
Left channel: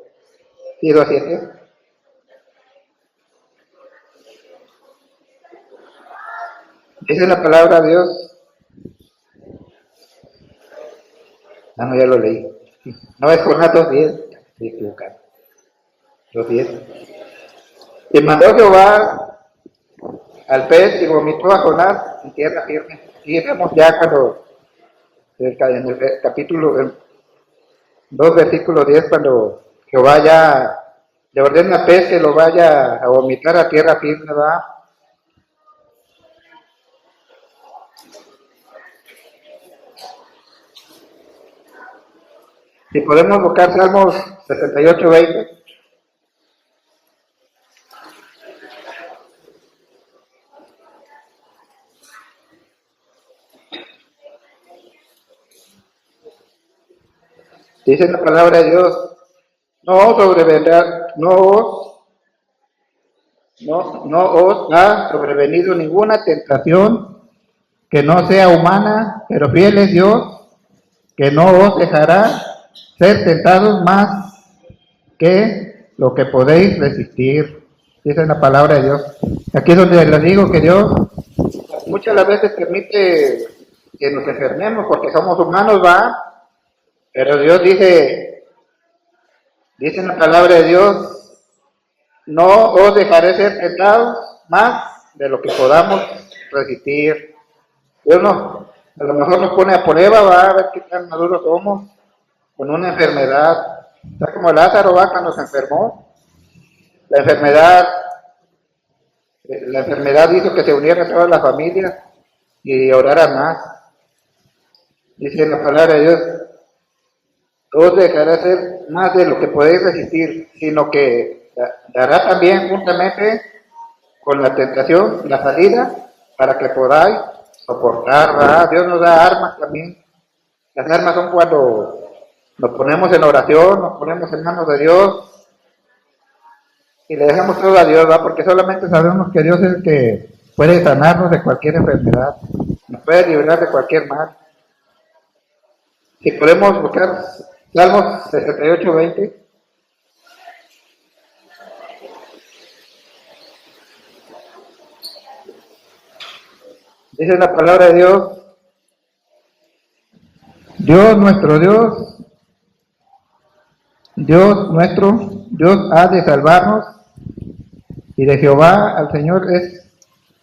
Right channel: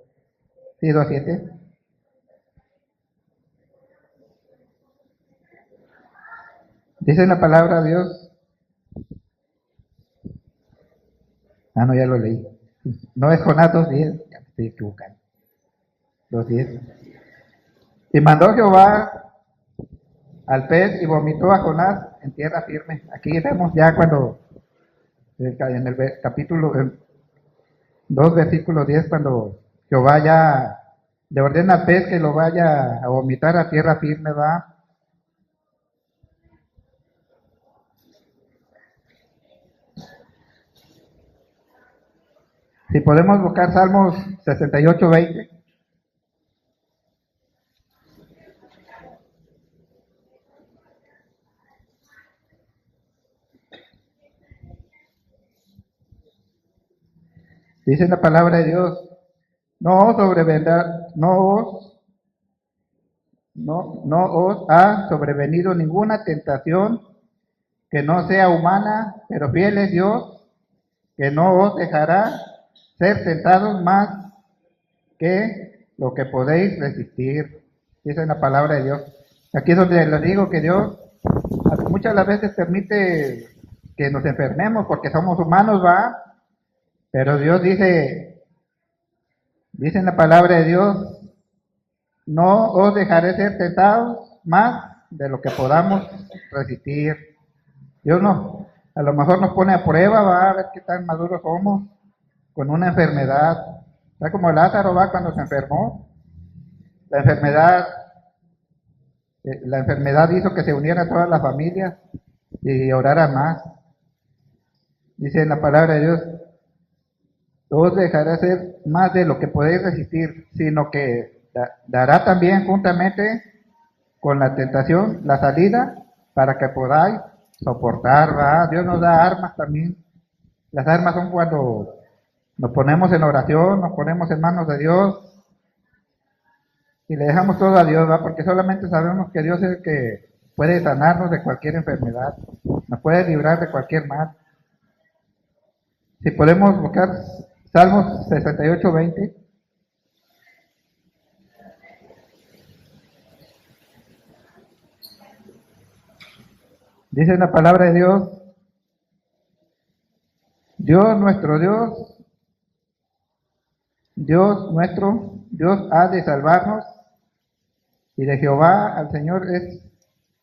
Sí, 2:7. Dice la palabra de Dios. No, ya lo leí. Sí. No es Jonás 2:10. Estoy equivocado. 2:10. Y mandó Jehová al pez y vomitó a Jonás en tierra firme. Aquí estamos ya cuando, en el capítulo 2, versículo 10, cuando Jehová ya le ordena al pez que lo vaya a vomitar a tierra firme, va. Si podemos buscar Salmos 68:20. Dice la palabra de Dios, no os ha sobrevenido ninguna tentación que no sea humana, pero fiel es Dios, que no os dejará ser tentados más que lo que podéis resistir. Dice la palabra de Dios. Aquí es donde les digo que Dios muchas veces permite que nos enfermemos porque somos humanos, va. Pero Dios dice en la palabra de Dios, no os dejaré ser tentados más de lo que podamos resistir. Dios no, a lo mejor nos pone a prueba, va a ver qué tan maduros somos con una enfermedad. Está como Lázaro, va, cuando se enfermó. La enfermedad hizo que se unieran todas las familias y oraran más. Dice en la palabra de Dios, no os dejará ser más de lo que podéis resistir, sino que dará también juntamente con la tentación la salida para que podáis soportar, ¿verdad? Dios nos da armas también. Las armas son cuando nos ponemos en oración, nos ponemos en manos de Dios y le dejamos todo a Dios, ¿verdad? Porque solamente sabemos que Dios es el que puede sanarnos de cualquier enfermedad, nos puede librar de cualquier mal. Si podemos buscar Salmos 68:20. Dice la palabra de Dios, Dios nuestro Dios, Dios ha de salvarnos, y de Jehová al Señor es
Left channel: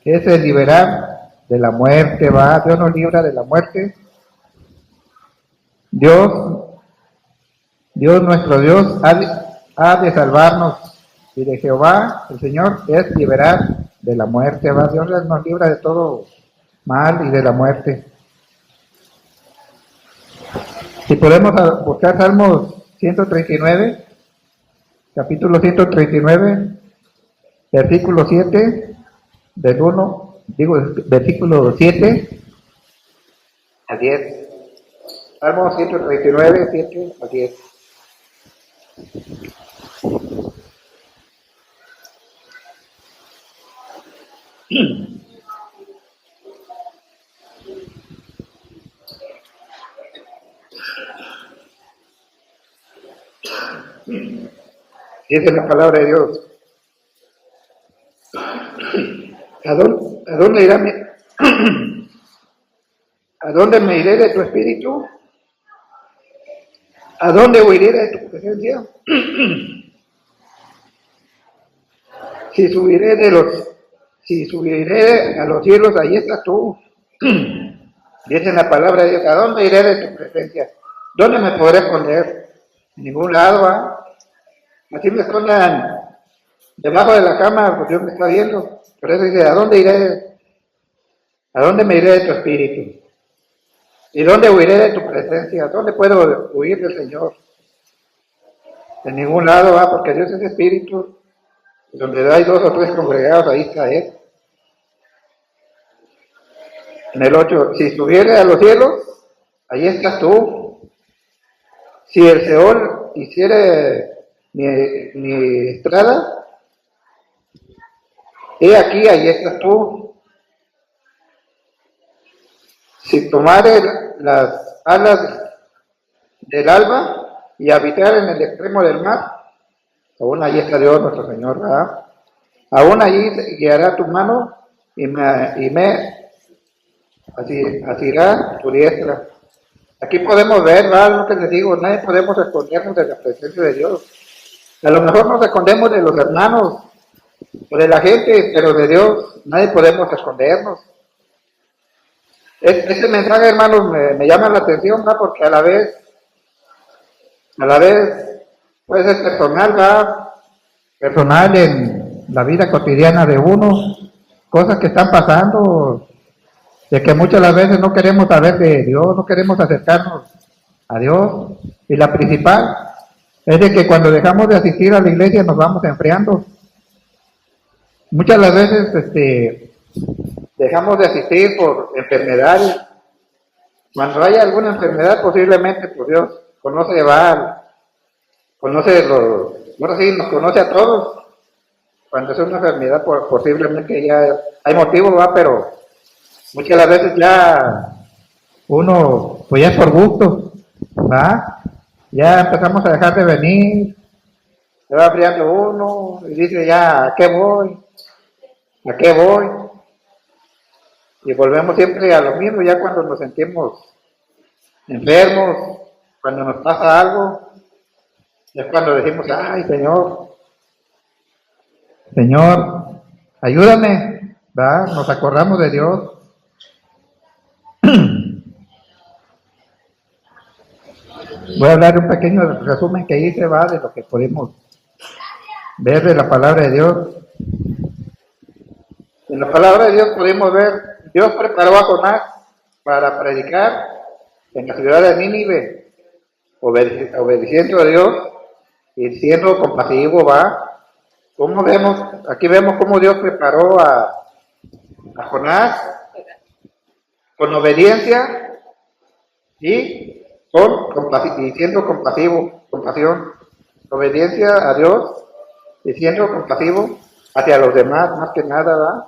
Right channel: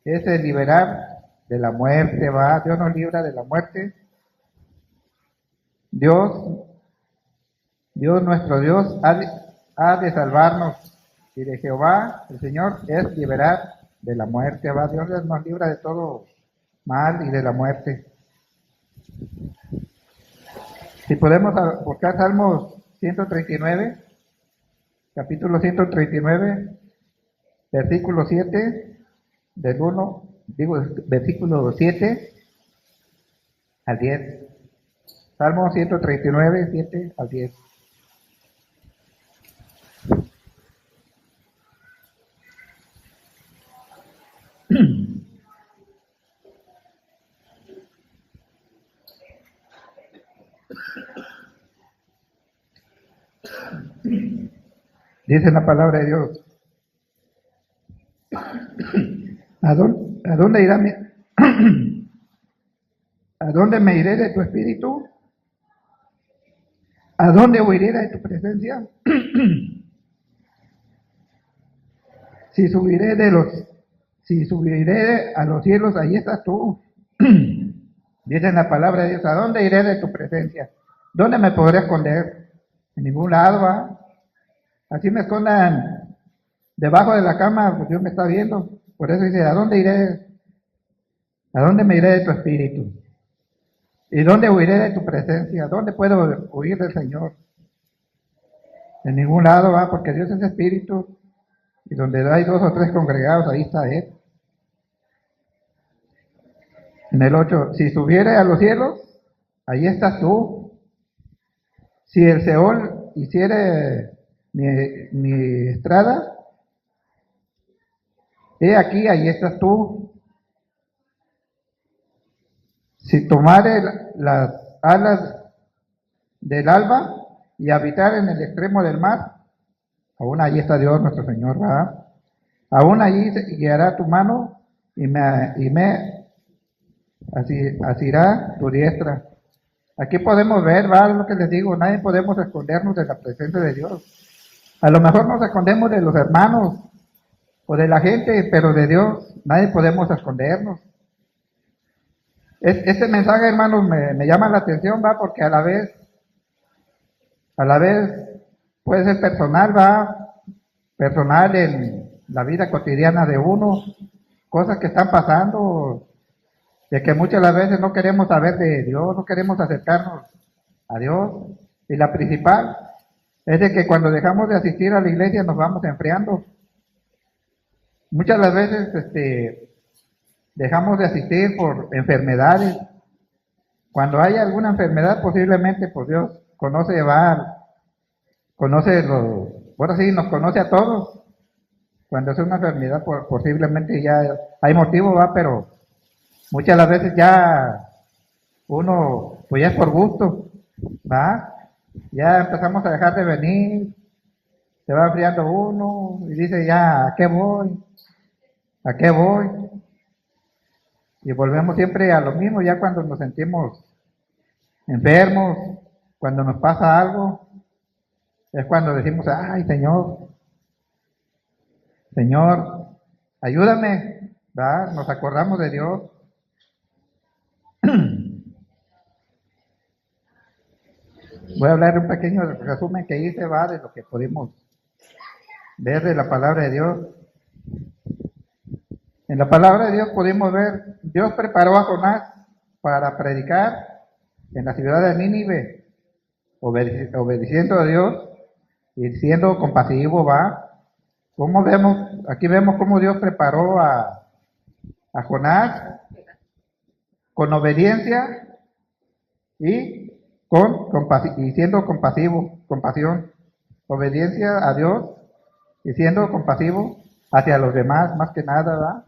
el liberar de la muerte, va, Dios nos libra de la muerte. Dios nuestro Dios ha de salvarnos, y de Jehová el Señor es liberar de la muerte, va, Dios nos libra de todo mal y de la muerte. Si podemos buscar Salmos 139, capítulo 139, versículo 7, versículo 7 al 10. Salmos 139, 7 al 10. Dice la palabra de Dios, ¿a dónde irá ¿a dónde me iré de tu espíritu? ¿A dónde huiré de tu presencia? Si subiré a los cielos, ahí estás tú. Dice la palabra de Dios, ¿a dónde iré de tu presencia? ¿Dónde me podré esconder? En ningún lado, ¿va? Así me escondan debajo de la cama, porque Dios me está viendo. Por eso dice, ¿a dónde iré? ¿A dónde me iré de tu espíritu? ¿Y dónde huiré de tu presencia? ¿Dónde puedo huir del Señor? De ningún lado, porque Dios es espíritu, y donde hay 2 o 3 congregados, ahí está Él. En el 8, si subiere a los cielos, ahí estás tú. Si el Seol hiciere mi estrada, he aquí, ahí estás tú. Si tomare las alas del alba y habitar en el extremo del mar, aún allí está Dios nuestro Señor, ¿verdad? Aún allí guiará tu mano y me asirá tu diestra. Aquí podemos ver, ¿verdad? Lo que les digo, nadie podemos escondernos de la presencia de Dios. A lo mejor nos escondemos de los hermanos o de la gente, pero de Dios nadie podemos escondernos. Este mensaje, hermanos, me llama la atención, ¿va? Porque a la vez puede ser personal, ¿va? Personal en la vida cotidiana de uno, cosas que están pasando, de que muchas las veces no queremos saber de Dios, no queremos acercarnos a Dios. Y la principal es de que cuando dejamos de asistir a la iglesia nos vamos enfriando. Muchas las veces dejamos de asistir por enfermedades. Cuando hay alguna enfermedad, posiblemente por Dios conoce nos conoce a todos. Cuando es una enfermedad, posiblemente ya hay motivo, ¿va? Pero muchas de las veces ya uno, pues ya es por gusto, ¿va? Ya empezamos a dejar de venir, se va enfriando uno y dice ya, ¿a qué voy? ¿A qué voy? Y volvemos siempre a lo mismo, ya cuando nos sentimos enfermos, cuando nos pasa algo, es cuando decimos, ay Señor, ayúdame, ¿va? Nos acordamos de Dios. Voy a hablar un pequeño resumen que hice, ¿va? De lo que podemos ver de la palabra de Dios. En la palabra de Dios podemos ver, Dios preparó a Jonás para predicar en la ciudad de Nínive, obedeciendo a Dios y siendo compasivo, ¿va? ¿Cómo vemos? Aquí vemos cómo Dios preparó a Jonás con obediencia y siendo compasión, obediencia a Dios y siendo compasivo hacia los demás, más que nada, ¿va?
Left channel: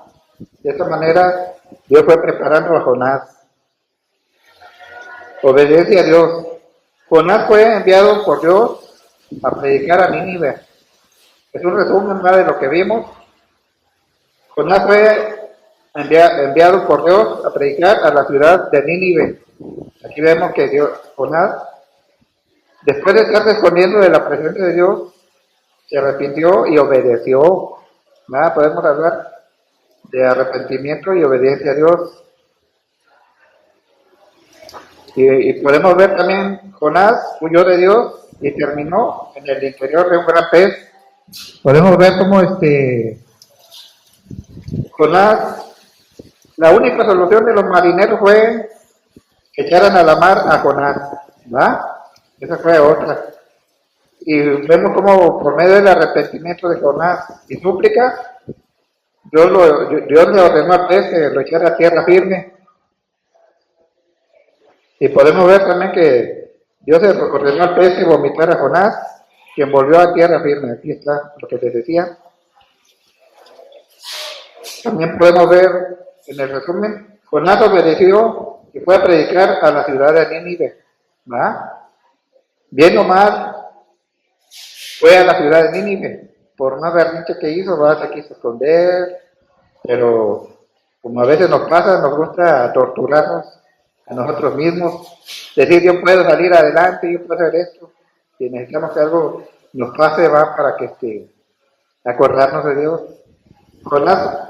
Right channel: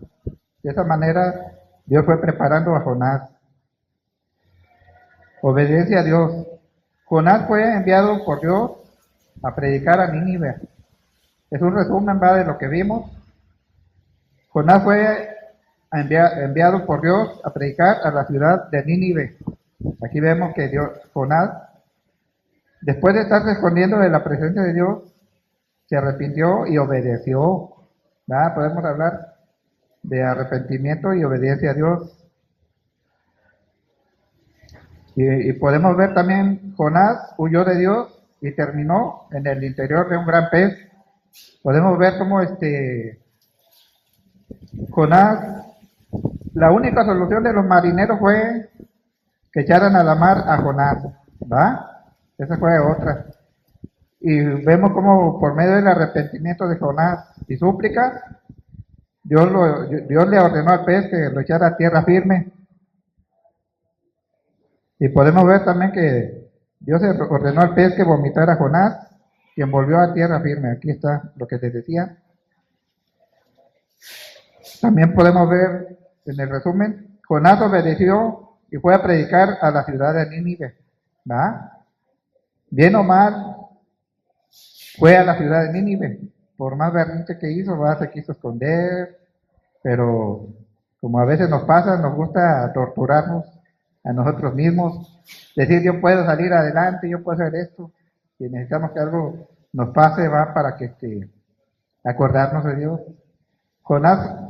De esa manera Dios fue preparando a Jonás. Obediencia a Dios. Jonás fue enviado por Dios a predicar a Nínive. Es un resumen, ¿verdad?, de lo que vimos. Jonás fue enviado por Dios a predicar a la ciudad de Nínive. Aquí vemos que Jonás, después de estar escondiendo de la presencia de Dios, se arrepintió y obedeció. ¿Verdad? Podemos hablar de arrepentimiento y obediencia a Dios. Y podemos ver también, Jonás huyó de Dios y terminó en el interior de un gran pez. Podemos ver cómo Jonás, la única solución de los marineros fue que echaran a la mar a Jonás, ¿va? Esa fue otra. Y vemos cómo por medio del arrepentimiento de Jonás y súplica, Dios le ordenó al pez que lo echara a tierra firme. Y podemos ver también que Dios ordenó al pez que vomitara a Jonás, quien volvió a tierra firme. Aquí está lo que les decía. También podemos ver en el resumen, Jonás obedeció y fue a predicar a la ciudad de Nínive. ¿Va? Bien o mal, fue a la ciudad de Nínive. Por más berrinche que hizo, se quiso esconder, pero como a veces nos pasa, nos gusta torturarnos a nosotros mismos, decir yo puedo salir adelante, yo puedo hacer esto, y necesitamos que algo nos pase, para que acordarnos de Dios. Jonás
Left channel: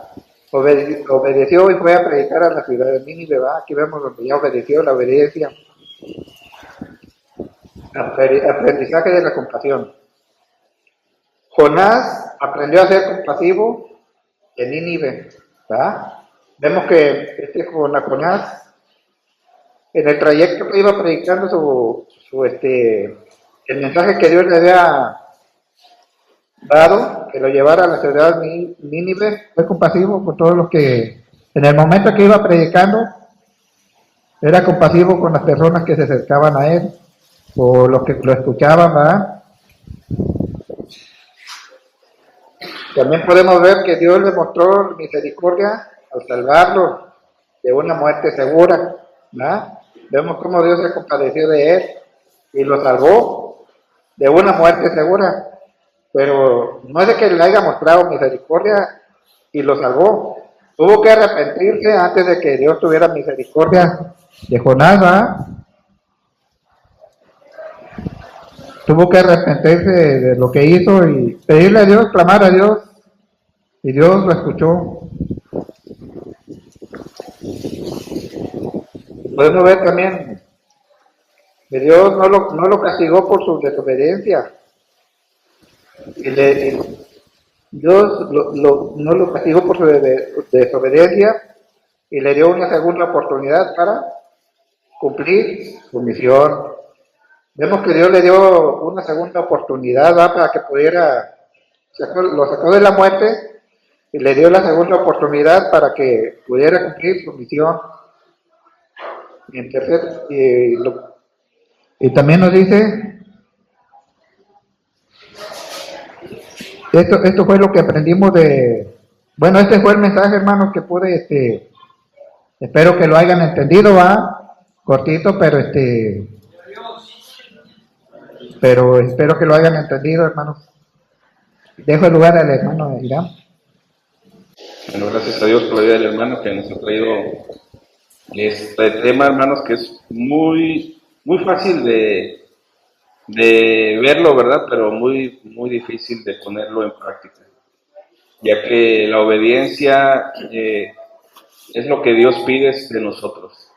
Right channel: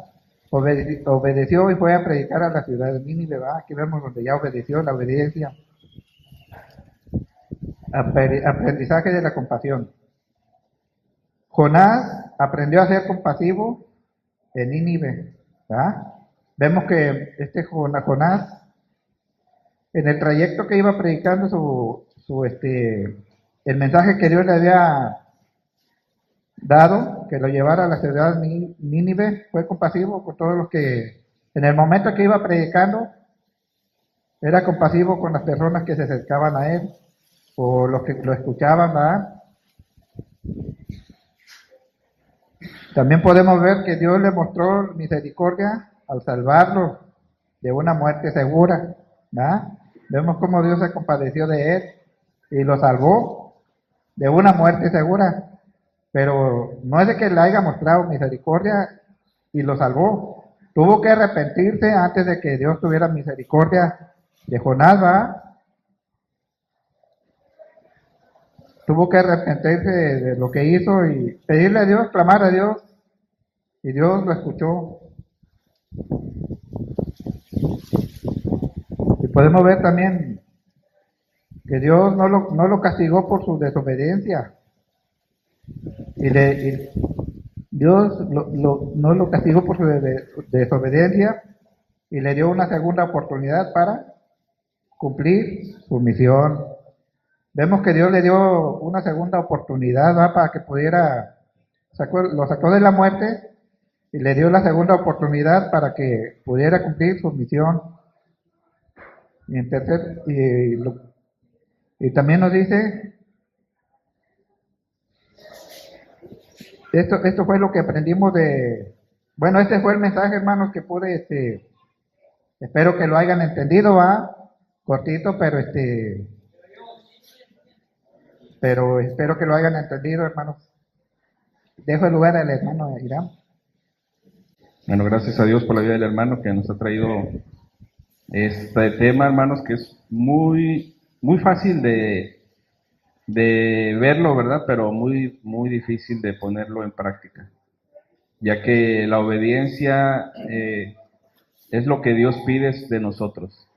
obedeció y fue a predicar a la ciudad de Nínive, aquí vemos donde ya obedeció, la obediencia. Aprendizaje de la compasión. Jonás aprendió a ser compasivo en Nínive, ¿verdad? Vemos que Jonás en el trayecto que iba predicando el mensaje que Dios le había dado, que lo llevara a la ciudad de Nínive, fue compasivo con todos los que, en el momento que iba predicando, era compasivo con las personas que se acercaban a él, o los que lo escuchaban, ¿verdad? También podemos ver que Dios le mostró misericordia al salvarlo de una muerte segura, ¿verdad? Vemos cómo Dios se compadeció de él y lo salvó de una muerte segura, pero no es de que le haya mostrado misericordia y lo salvó. Tuvo que arrepentirse antes de que Dios tuviera misericordia de Jonás, ¿verdad? Tuvo que arrepentirse de lo que hizo y pedirle a Dios, clamar a Dios, y Dios lo escuchó. Y podemos ver también que Dios no lo castigó por su desobediencia. Dios no lo castigó por su desobediencia y le dio una segunda oportunidad para cumplir su misión. Vemos que Dios le dio una segunda oportunidad, ¿va? Para que pudiera, lo sacó de la muerte y le dio la segunda oportunidad para que pudiera cumplir su misión. Y también nos dice, esto fue lo que aprendimos bueno, este fue el mensaje, hermanos, que pude, espero que lo hayan entendido, va, cortito, pero espero que lo hayan entendido, hermanos. Dejo el lugar al hermano Irán. Bueno, gracias a Dios por la vida del hermano que nos ha traído este tema, hermanos, que es muy, muy fácil de verlo, ¿verdad? Pero muy, muy difícil de ponerlo en práctica, ya que la obediencia es lo que Dios pide de nosotros.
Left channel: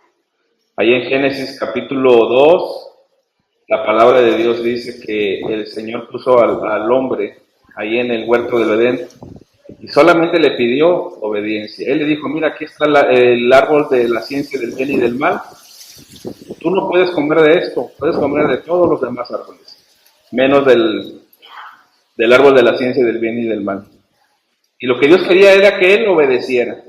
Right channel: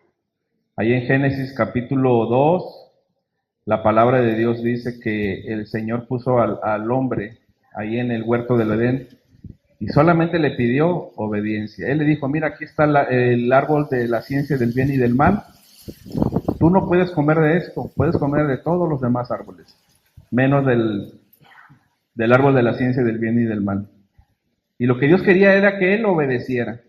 Ahí en Génesis capítulo 2, la palabra de Dios dice que el Señor puso al hombre ahí en el huerto del Edén y solamente le pidió obediencia. Él le dijo, mira, aquí está el árbol de la ciencia del bien y del mal. Tú no puedes comer de esto, puedes comer de todos los demás árboles, menos del árbol de la ciencia del bien y del mal. Y lo que Dios quería era que él obedeciera.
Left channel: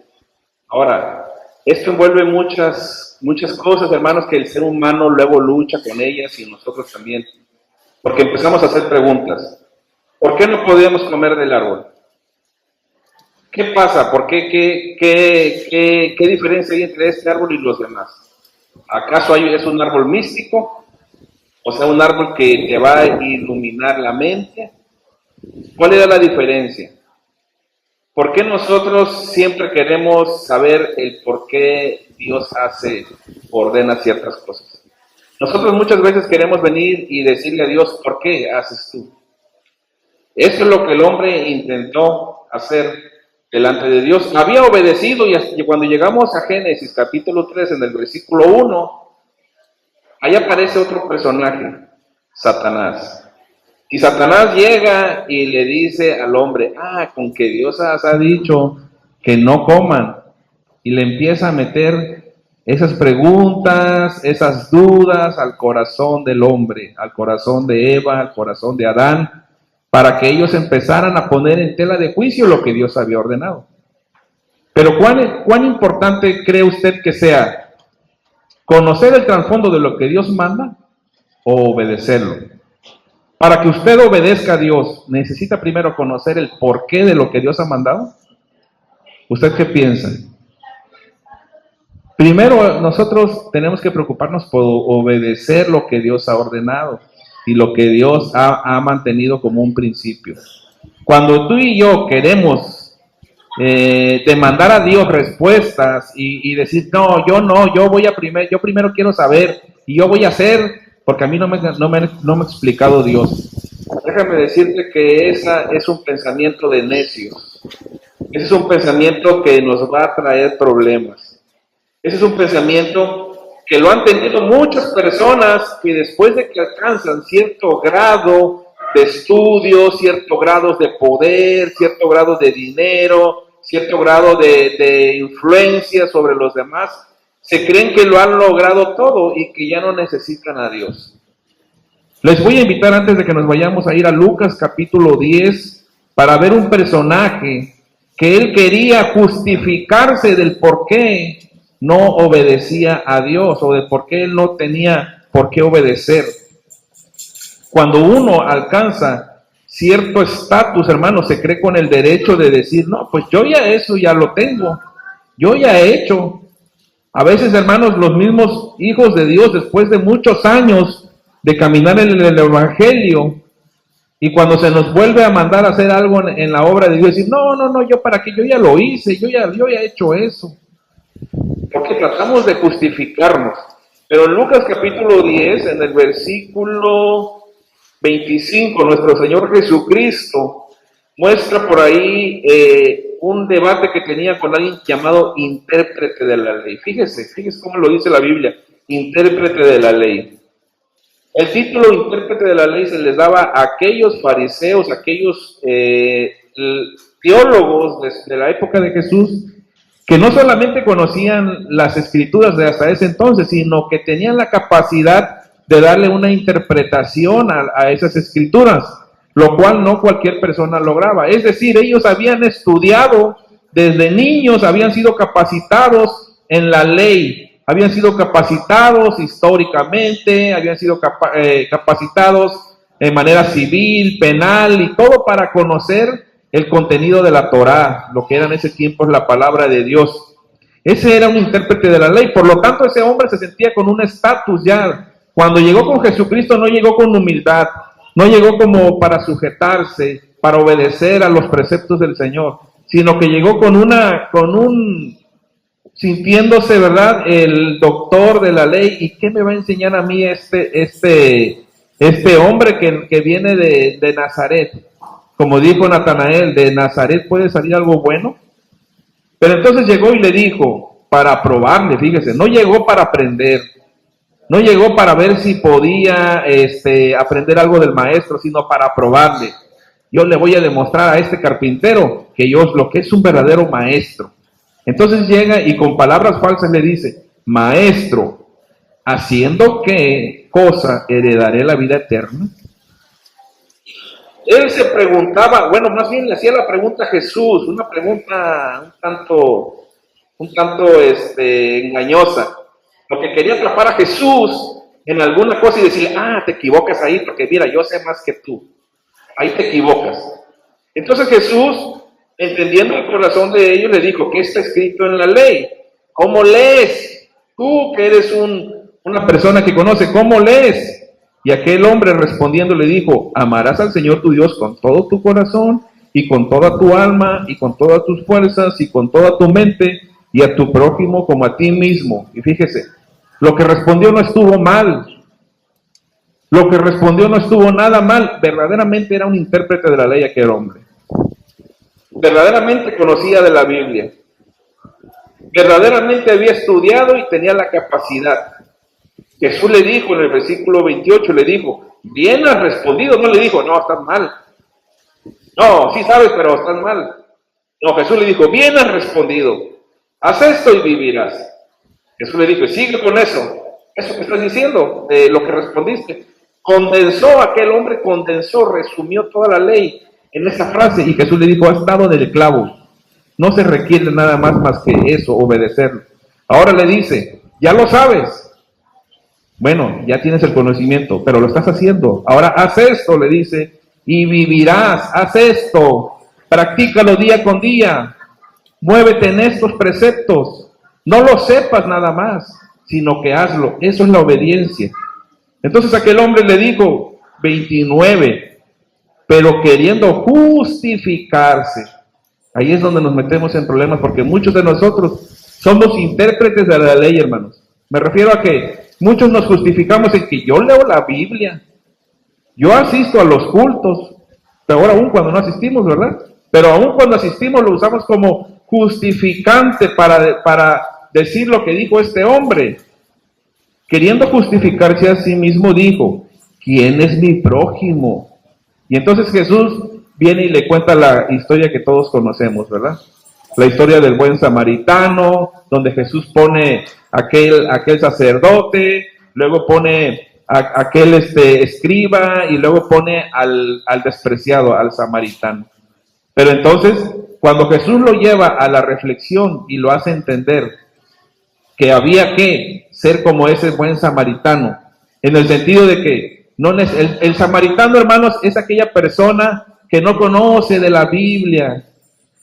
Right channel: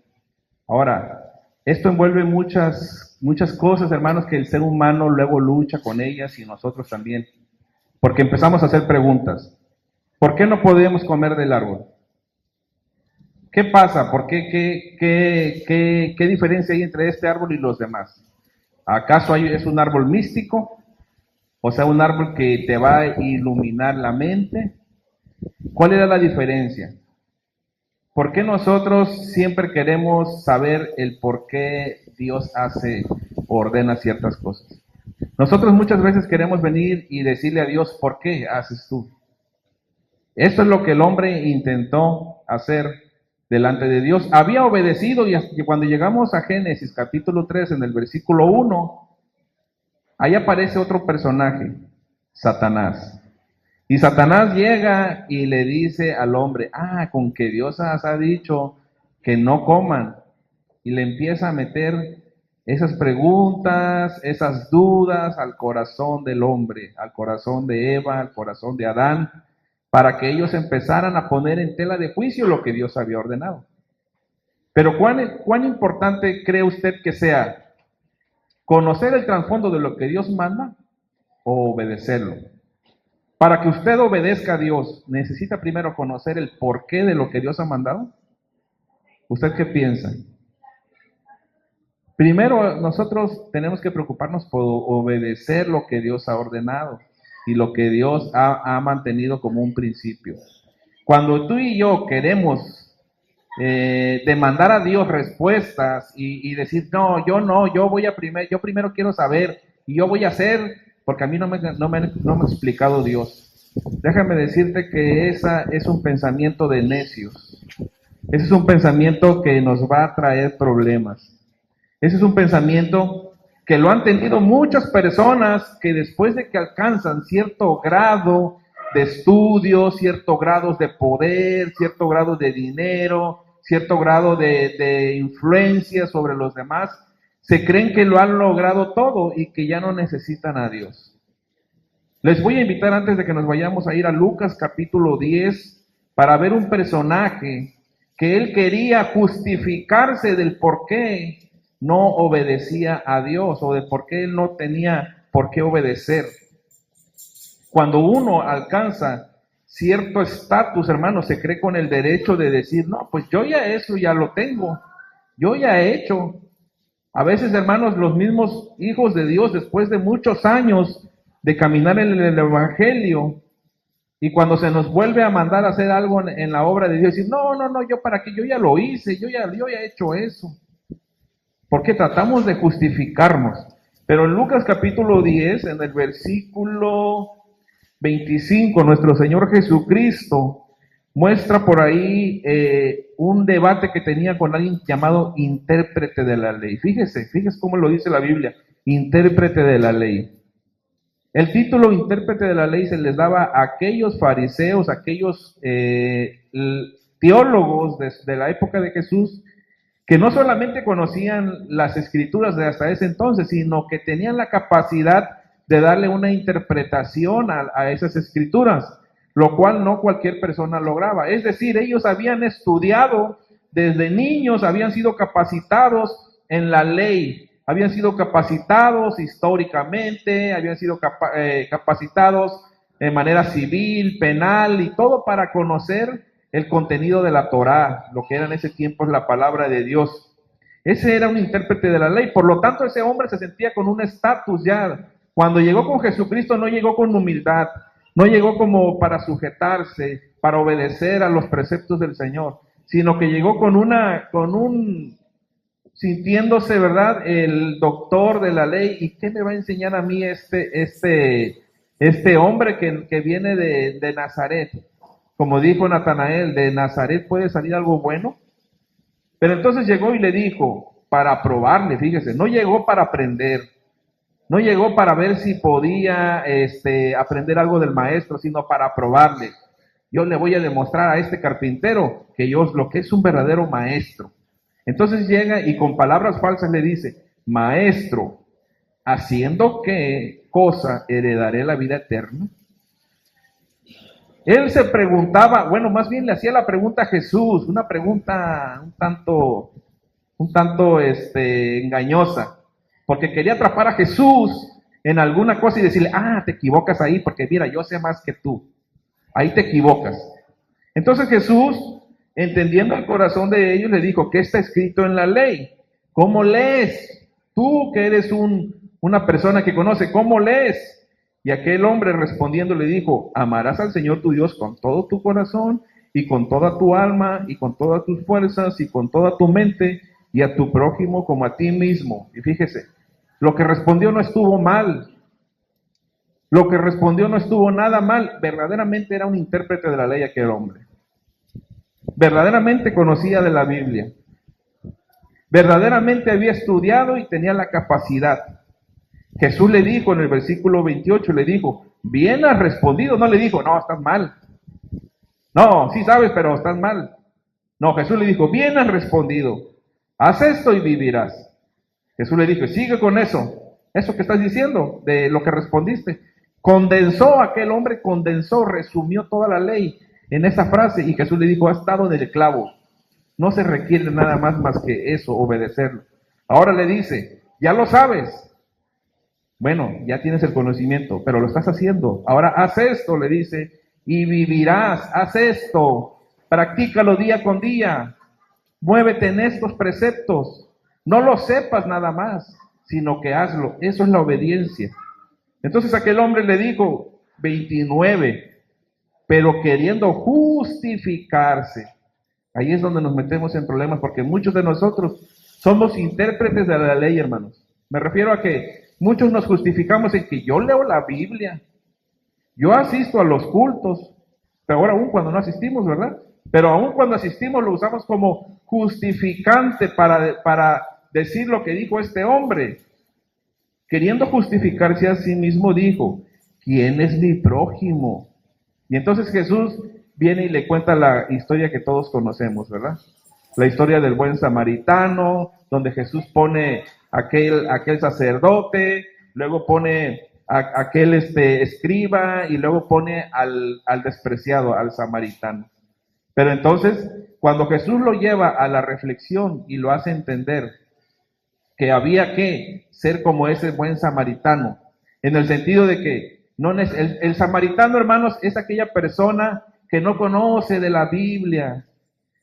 Ahora, esto envuelve muchas cosas, hermanos, que el ser humano luego lucha con ellas y nosotros también. Porque empezamos a hacer preguntas. ¿Por qué no podíamos comer del árbol? ¿Qué pasa? ¿Por qué? ¿Qué diferencia hay entre este árbol y los demás? ¿Acaso es un árbol místico? O sea, un árbol que te va a iluminar la mente. ¿Cuál era la diferencia? ¿Por qué nosotros siempre queremos saber el por qué Dios hace o ordena ciertas cosas? Nosotros muchas veces queremos venir y decirle a Dios, ¿por qué haces tú? Eso es lo que el hombre intentó hacer delante de Dios. Había obedecido y cuando llegamos a Génesis capítulo 3 en el versículo 1, ahí aparece otro personaje, Satanás. Y Satanás llega y le dice al hombre, con que Dios ha dicho que no coman. Y le empieza a meter esas preguntas, esas dudas al corazón del hombre, al corazón de Eva, al corazón de Adán, para que ellos empezaran a poner en tela de juicio lo que Dios había ordenado. Pero ¿cuán importante cree usted que sea conocer el trasfondo de lo que Dios manda o obedecerlo? Para que usted obedezca a Dios, ¿necesita primero conocer el porqué de lo que Dios ha mandado? ¿Usted qué piensa? Primero, nosotros tenemos que preocuparnos por obedecer lo que Dios ha ordenado y lo que Dios ha mantenido como un principio. Cuando tú y yo queremos demandar a Dios respuestas y decir, yo primero quiero saber y yo voy a hacer, porque a mí no me ha explicado Dios. Déjame decirte que esa es un pensamiento de necios. Ese es un pensamiento que nos va a traer problemas. Ese es un pensamiento que lo han tenido muchas personas que después de que alcanzan cierto grado de estudio, cierto grado de poder, cierto grado de dinero, cierto grado de influencia sobre los demás, se creen que lo han logrado todo y que ya no necesitan a Dios. Les voy a invitar antes de que nos vayamos a ir a Lucas capítulo 10 para ver un personaje que él quería justificarse del por qué no obedecía a Dios o de por qué él no tenía por qué obedecer. Cuando uno alcanza cierto estatus, hermano, se cree con el derecho de decir, no, pues yo ya eso ya lo tengo, yo ya he hecho. A veces, hermanos, los mismos hijos de Dios, después de muchos años de caminar en el Evangelio, y cuando se nos vuelve a mandar a hacer algo en la obra de Dios, decir, no, yo para qué, yo ya lo hice, yo ya he hecho eso. Porque tratamos de justificarnos. Pero en Lucas capítulo 10, en el versículo 25, nuestro Señor Jesucristo muestra por ahí un debate que tenía con alguien llamado intérprete de la ley. Fíjese cómo lo dice la Biblia, intérprete de la ley. El título intérprete de la ley se les daba a aquellos fariseos, aquellos teólogos de la época de Jesús, que no solamente conocían las escrituras de hasta ese entonces, sino que tenían la capacidad de darle una interpretación a esas escrituras, lo cual no cualquier persona lograba. Es decir, ellos habían estudiado desde niños, habían sido capacitados en la ley, habían sido capacitados históricamente, habían sido capacitados de manera civil, penal y todo para conocer el contenido de la Torá, lo que era en ese tiempo la palabra de Dios. Ese era un intérprete de la ley, por lo tanto ese hombre se sentía con un estatus ya. Cuando llegó con Jesucristo no llegó con humildad, no llegó como para sujetarse, para obedecer a los preceptos del Señor, sino que llegó sintiéndose, ¿verdad?, el doctor de la ley. ¿Y qué me va a enseñar a mí este hombre que viene de Nazaret? Como dijo Natanael, ¿de Nazaret puede salir algo bueno? Pero entonces llegó y le dijo, para probarle, fíjese, no llegó para aprender, no llegó para ver si podía aprender algo del maestro, sino para probarle. Yo le voy a demostrar a este carpintero que lo que es un verdadero maestro. Entonces llega y con palabras falsas le dice, maestro, ¿haciendo qué cosa heredaré la vida eterna? Él se preguntaba, bueno, más bien le hacía la pregunta a Jesús, una pregunta un tanto engañosa, porque quería atrapar a Jesús en alguna cosa y decirle, te equivocas ahí, porque mira, yo sé más que tú, ahí te equivocas. Entonces Jesús, entendiendo el corazón de ellos, le dijo, ¿qué está escrito en la ley? ¿Cómo lees? Tú que eres una persona que conoce, ¿cómo lees? Y aquel hombre respondiendo le dijo, amarás al Señor tu Dios con todo tu corazón y con toda tu alma y con todas tus fuerzas y con toda tu mente y a tu prójimo como a ti mismo. Y fíjese, lo que respondió no estuvo mal. Lo que respondió no estuvo nada mal. Verdaderamente era un intérprete de la ley aquel hombre. Verdaderamente conocía de la Biblia. Verdaderamente había estudiado y tenía la capacidad. Jesús le dijo en el versículo 28, le dijo, bien has respondido. No le dijo, no, estás mal. No, sí sabes, pero estás mal. No, Jesús le dijo, bien has respondido. Haz esto y vivirás. Jesús le dijo, sigue con eso que estás diciendo, de lo que respondiste. Aquel hombre resumió toda la ley en esa frase, y Jesús le dijo, has dado en el clavo. No se requiere nada más que eso, obedecerlo. Ahora le dice, ya lo sabes. Bueno, ya tienes el conocimiento, pero lo estás haciendo. Ahora haz esto, le dice, y vivirás. Haz esto, practícalo día con día. Muévete en estos preceptos. No lo sepas nada más, sino que hazlo. Eso es la obediencia. Entonces aquel hombre le dijo, 29, pero queriendo justificarse. Ahí es donde nos metemos en problemas, porque muchos de nosotros somos intérpretes de la ley, hermanos. Me refiero a que muchos nos justificamos en que yo leo la Biblia, yo asisto a los cultos, peor aún cuando no asistimos, ¿verdad? Pero aún cuando asistimos lo usamos como justificante para decir lo que dijo este hombre. Queriendo justificarse a sí mismo dijo, ¿quién es mi prójimo? Y entonces Jesús viene y le cuenta la historia que todos conocemos, ¿verdad? La historia del buen samaritano, donde Jesús pone aquel sacerdote, luego pone aquel escriba y luego pone al despreciado, al samaritano. Pero entonces, cuando Jesús lo lleva a la reflexión y lo hace entender que había que ser como ese buen samaritano, en el sentido de que el samaritano, hermanos, es aquella persona que no conoce de la Biblia,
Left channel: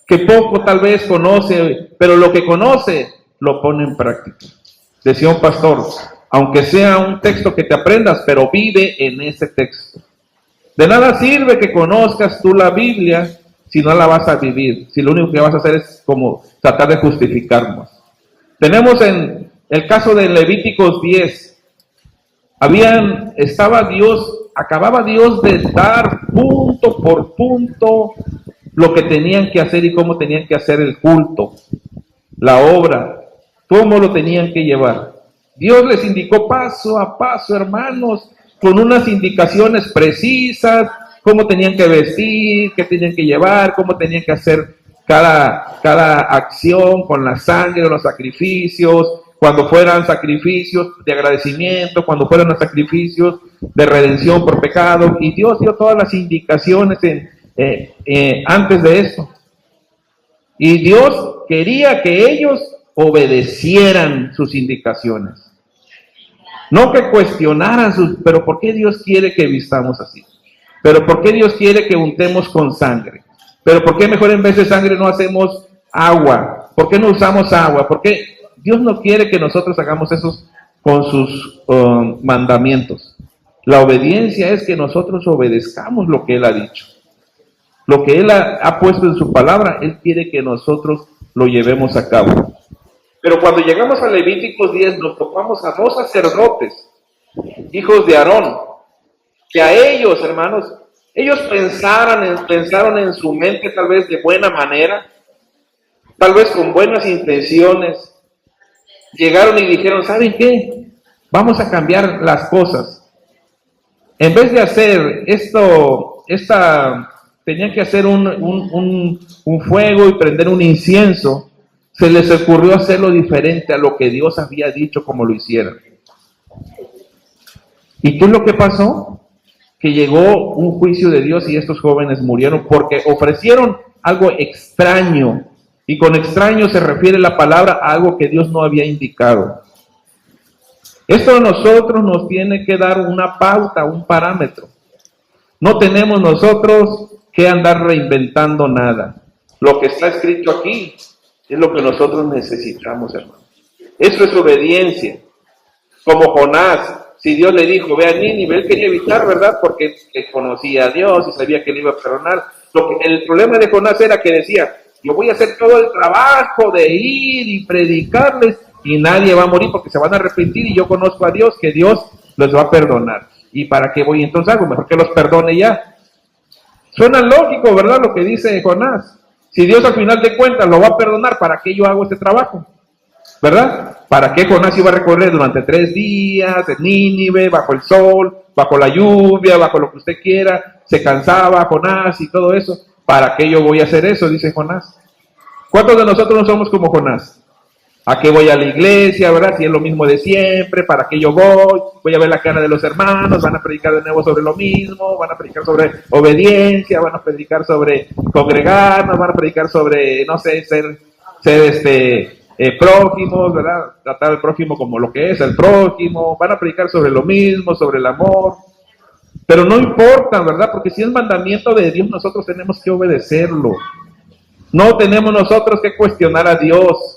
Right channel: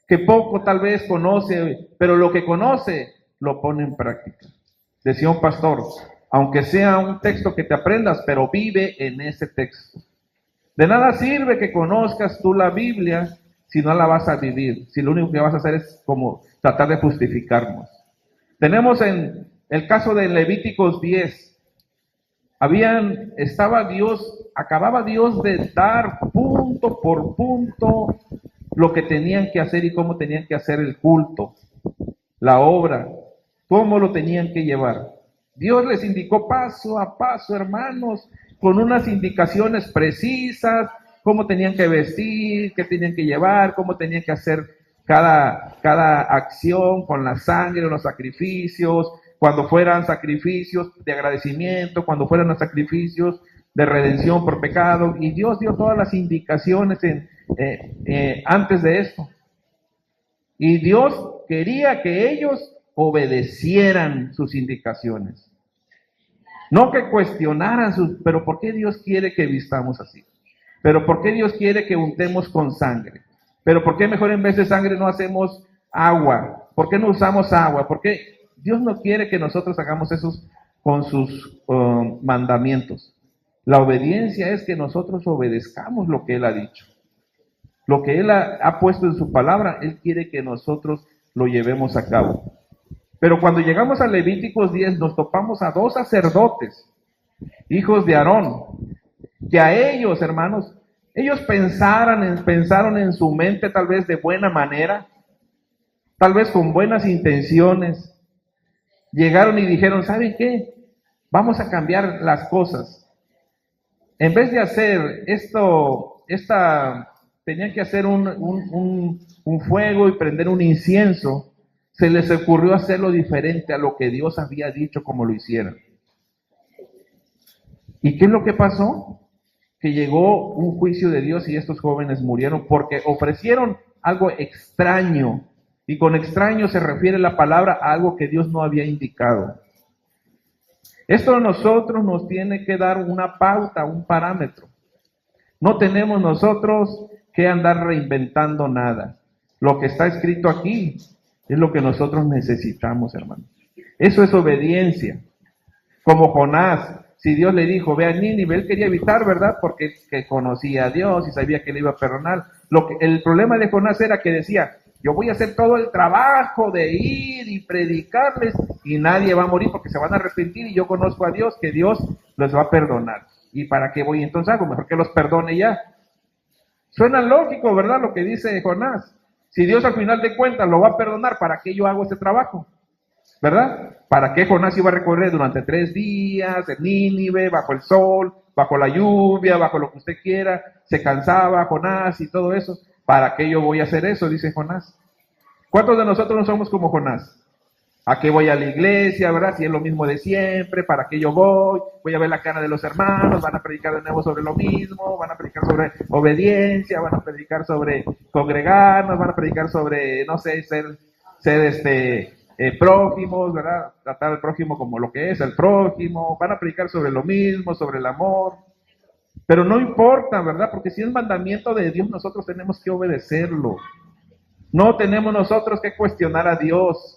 que poco tal vez conoce, pero lo que conoce lo pone en práctica. Decía un pastor, aunque sea un texto que te aprendas, pero vive en ese texto. De nada sirve que conozcas tú la Biblia si no la vas a vivir, si lo único que vas a hacer es como tratar de justificarnos. Tenemos en el caso de Levíticos 10, acababa Dios de dar punto por punto lo que tenían que hacer y cómo tenían que hacer el culto, la obra, cómo lo tenían que llevar. Dios les indicó paso a paso, hermanos, con unas indicaciones precisas, cómo tenían que vestir, qué tenían que llevar, cómo tenían que hacer cada acción con la sangre, los sacrificios, cuando fueran sacrificios de agradecimiento, cuando fueran sacrificios de redención por pecado, y Dios dio todas las indicaciones antes de esto. Y Dios quería que ellos obedecieran sus indicaciones. No que cuestionaran pero ¿por qué Dios quiere que vistamos así? ¿Pero por qué Dios quiere que untemos con sangre? ¿Pero por qué mejor en vez de sangre no hacemos agua? ¿Por qué no usamos agua? ¿Por qué Dios no quiere que nosotros hagamos eso con sus mandamientos? La obediencia es que nosotros obedezcamos lo que Él ha dicho. Lo que Él ha puesto en su palabra, Él quiere que nosotros lo llevemos a cabo. Pero cuando llegamos a Levíticos 10, nos topamos a 2 sacerdotes, hijos de Aarón, que a ellos, hermanos, ellos pensaron en su mente tal vez de buena manera, tal vez con buenas intenciones. Llegaron y dijeron, ¿saben qué? Vamos a cambiar las cosas. En vez de hacer tenían que hacer un fuego y prender un incienso, se les ocurrió hacerlo diferente a lo que Dios había dicho como lo hicieran. ¿Y qué es lo que pasó? Que llegó un juicio de Dios y estos jóvenes murieron porque ofrecieron algo extraño. Y con extraño se refiere la palabra a algo que Dios no había indicado. Esto a nosotros nos tiene que dar una pauta, un parámetro. No tenemos nosotros que andar reinventando nada. Lo que está escrito aquí es lo que nosotros necesitamos, hermanos. Eso es obediencia. Como Jonás, si Dios le dijo, ve a Nínive, él quería evitar, ¿verdad? Porque conocía a Dios y sabía que le iba a perdonar. El problema de Jonás era que decía, yo voy a hacer todo el trabajo de ir y predicarles y nadie va a morir porque se van a arrepentir y yo conozco a Dios, que Dios los va a perdonar. ¿Y para qué voy entonces algo? Mejor que los perdone ya. Suena lógico, ¿verdad? Lo que dice Jonás. Si Dios al final de cuentas lo va a perdonar, ¿para qué yo hago este trabajo? ¿Verdad? ¿Para qué Jonás iba a recorrer durante 3 días en Nínive, bajo el sol, bajo la lluvia, bajo lo que usted quiera? Se cansaba Jonás y todo eso. ¿Para qué yo voy a hacer eso? Dice Jonás. ¿Cuántos de nosotros no somos como Jonás? ¿A qué voy a la iglesia, verdad? Si es lo mismo de siempre, ¿para qué yo voy? Voy a ver la cara de los hermanos, van a predicar de nuevo sobre lo mismo, van a predicar sobre obediencia, van a predicar sobre congregarnos, van a predicar sobre, no sé, ser prójimos, ¿verdad? Tratar al prójimo como lo que es el prójimo, van a predicar sobre lo mismo, sobre el amor. Pero no importa, ¿verdad? Porque si es mandamiento de Dios, nosotros tenemos que obedecerlo. No tenemos nosotros que cuestionar a Dios.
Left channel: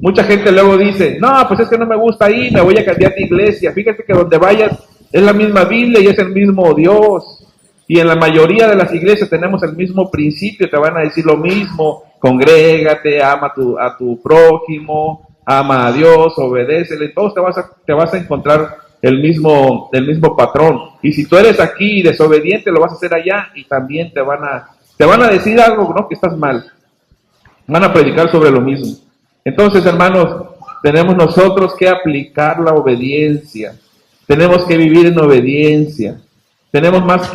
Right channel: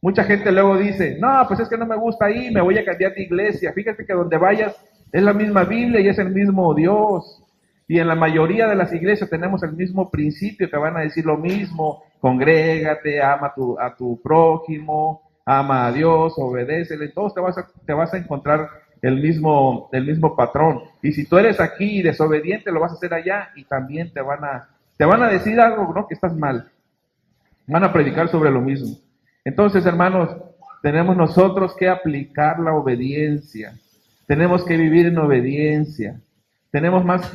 Mucha gente luego dice, no, pues es que no me gusta ir, me voy a cambiar de iglesia. Fíjate que donde vayas es la misma Biblia y es el mismo Dios. Y en la mayoría de las iglesias tenemos el mismo principio, te van a decir lo mismo. Congrégate, ama a tu prójimo, ama a Dios, obedécele. Todos te vas a encontrar el mismo patrón. Y si tú eres aquí desobediente, lo vas a hacer allá y también te van a decir algo, ¿no? Que estás mal. Van a predicar sobre lo mismo. Entonces, hermanos, tenemos nosotros que aplicar la obediencia. Tenemos que vivir en obediencia. Tenemos más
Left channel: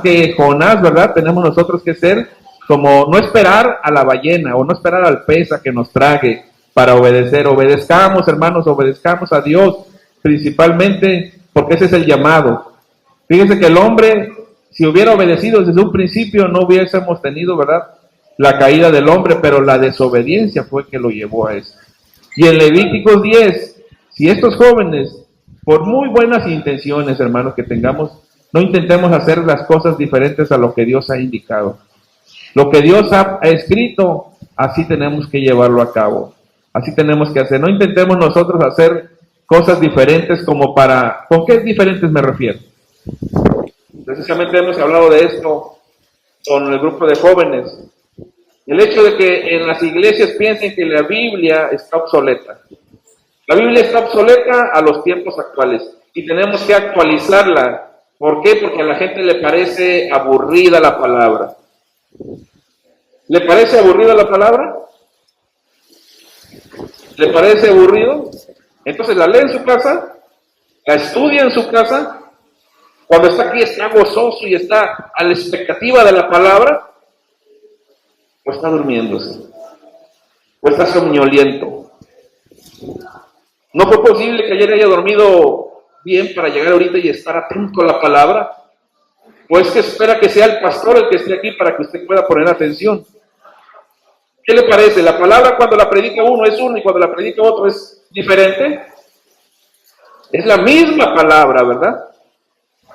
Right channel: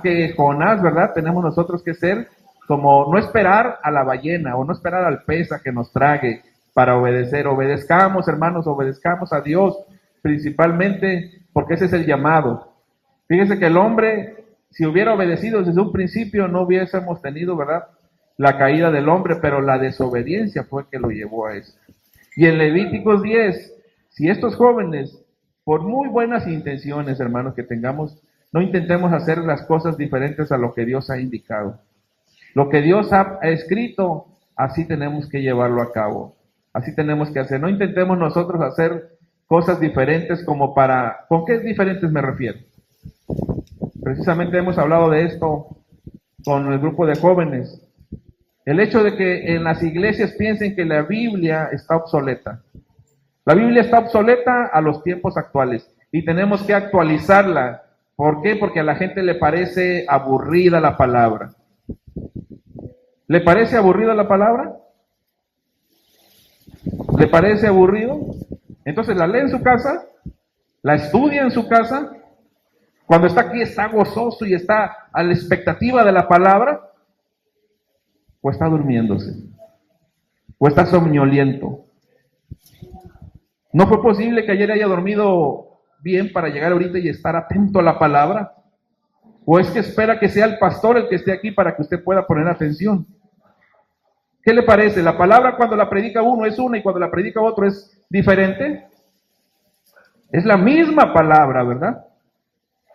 que Jonás, ¿verdad? Tenemos nosotros que ser como no esperar a la ballena o no esperar al pez a que nos trague, para obedecer. Obedezcamos, hermanos, obedezcamos a Dios, principalmente porque ese es el llamado. Fíjense que el hombre, si hubiera obedecido desde un principio, no hubiésemos tenido, ¿verdad?, la caída del hombre, pero la desobediencia fue que lo llevó a eso. Y en Levíticos 10, si estos jóvenes, por muy buenas intenciones, hermanos, que tengamos, no intentemos hacer las cosas diferentes a lo que Dios ha indicado. Lo que Dios ha escrito, así tenemos que llevarlo a cabo. Así tenemos que hacer. No intentemos nosotros hacer cosas diferentes como para... ¿Con qué diferentes me refiero? Precisamente hemos hablado de esto con el grupo de jóvenes. El hecho de que en las iglesias piensen que la Biblia está obsoleta. La Biblia está obsoleta a los tiempos actuales y tenemos que actualizarla. ¿Por qué? Porque a la gente le parece aburrida la palabra. ¿Le parece aburrida la palabra? ¿Le parece aburrido? Entonces la lee en su casa, la estudia en su casa. Cuando está aquí está gozoso y está a la expectativa de la palabra, o está durmiéndose, o está somnoliento. No fue posible que ayer haya dormido bien para llegar ahorita y estar atento a la palabra, o es que espera que sea el pastor el que esté aquí para que usted pueda poner atención. ¿Qué le parece? ¿La palabra cuando la predica uno es una y cuando la predica otro es diferente? Es la misma palabra, ¿verdad?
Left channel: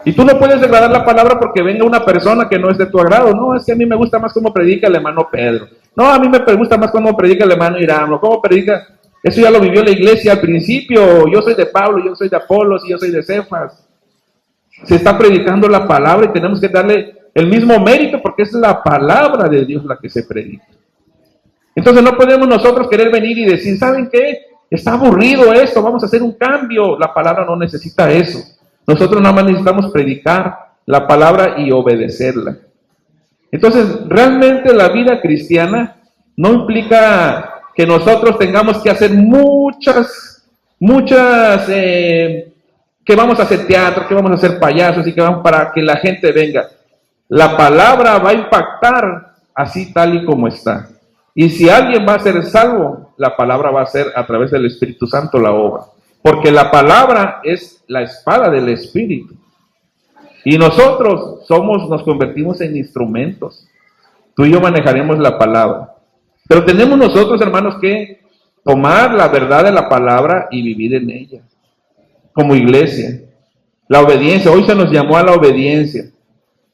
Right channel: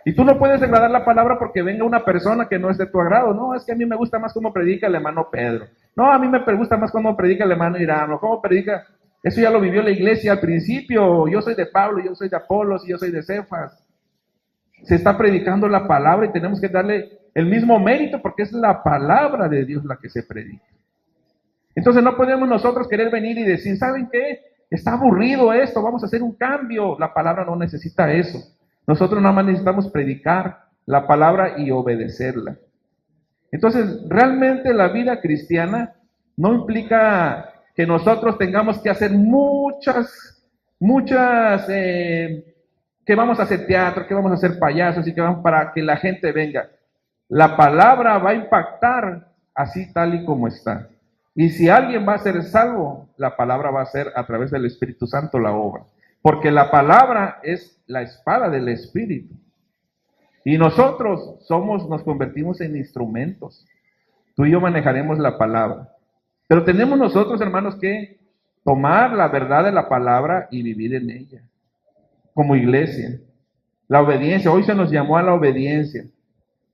Y tú no puedes degradar la palabra porque venga una persona que no es de tu agrado. No, es que a mí me gusta más cómo predica el hermano Pedro. No, a mí me gusta más cómo predica el hermano Irán. O cómo predica. Eso ya lo vivió la iglesia al principio. Yo soy de Pablo, yo soy de Apolos y yo soy de Cefas. Se está predicando la palabra y tenemos que darle el mismo mérito porque es la palabra de Dios la que se predica. Entonces no podemos nosotros querer venir y decir, ¿saben qué? Está aburrido esto, vamos a hacer un cambio. La palabra no necesita eso. Nosotros nada más necesitamos predicar la palabra y obedecerla. Entonces, realmente la vida cristiana no implica que nosotros tengamos que hacer muchas, que vamos a hacer teatro, que vamos a hacer payasos y que vamos para que la gente venga. La palabra va a impactar así tal y como está. Y si alguien va a ser salvo, la palabra va a ser a través del Espíritu Santo la obra. Porque la palabra es la espada del Espíritu. Y nosotros nos convertimos en instrumentos. Tú y yo manejaremos la palabra. Pero tenemos nosotros, hermanos, que tomar la verdad de la palabra y vivir en ella. Como iglesia. La obediencia. Hoy se nos llamó a la obediencia.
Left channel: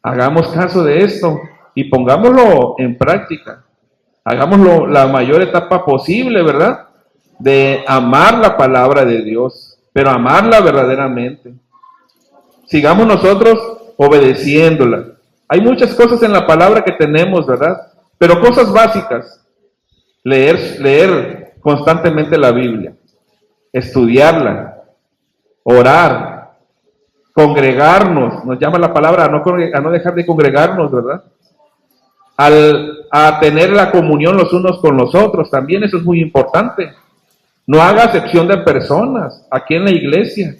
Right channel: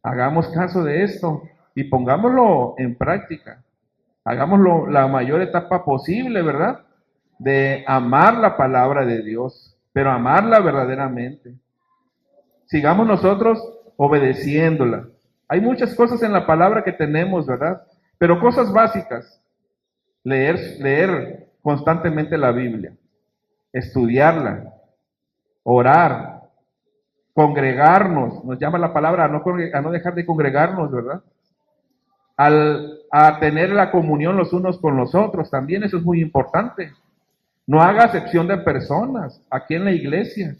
Hagamos caso de esto y pongámoslo en práctica. Hagámoslo la mayor etapa posible, ¿verdad? De amar la palabra de Dios, pero amarla verdaderamente. Sigamos nosotros obedeciéndola. Hay muchas cosas en la palabra que tenemos, ¿verdad? Pero cosas básicas. Leer constantemente la Biblia, estudiarla, orar, congregarnos. Nos llama la palabra a no dejar de congregarnos, ¿verdad? A tener la comunión los unos con los otros, también eso es muy importante. No haga acepción de personas aquí en la iglesia.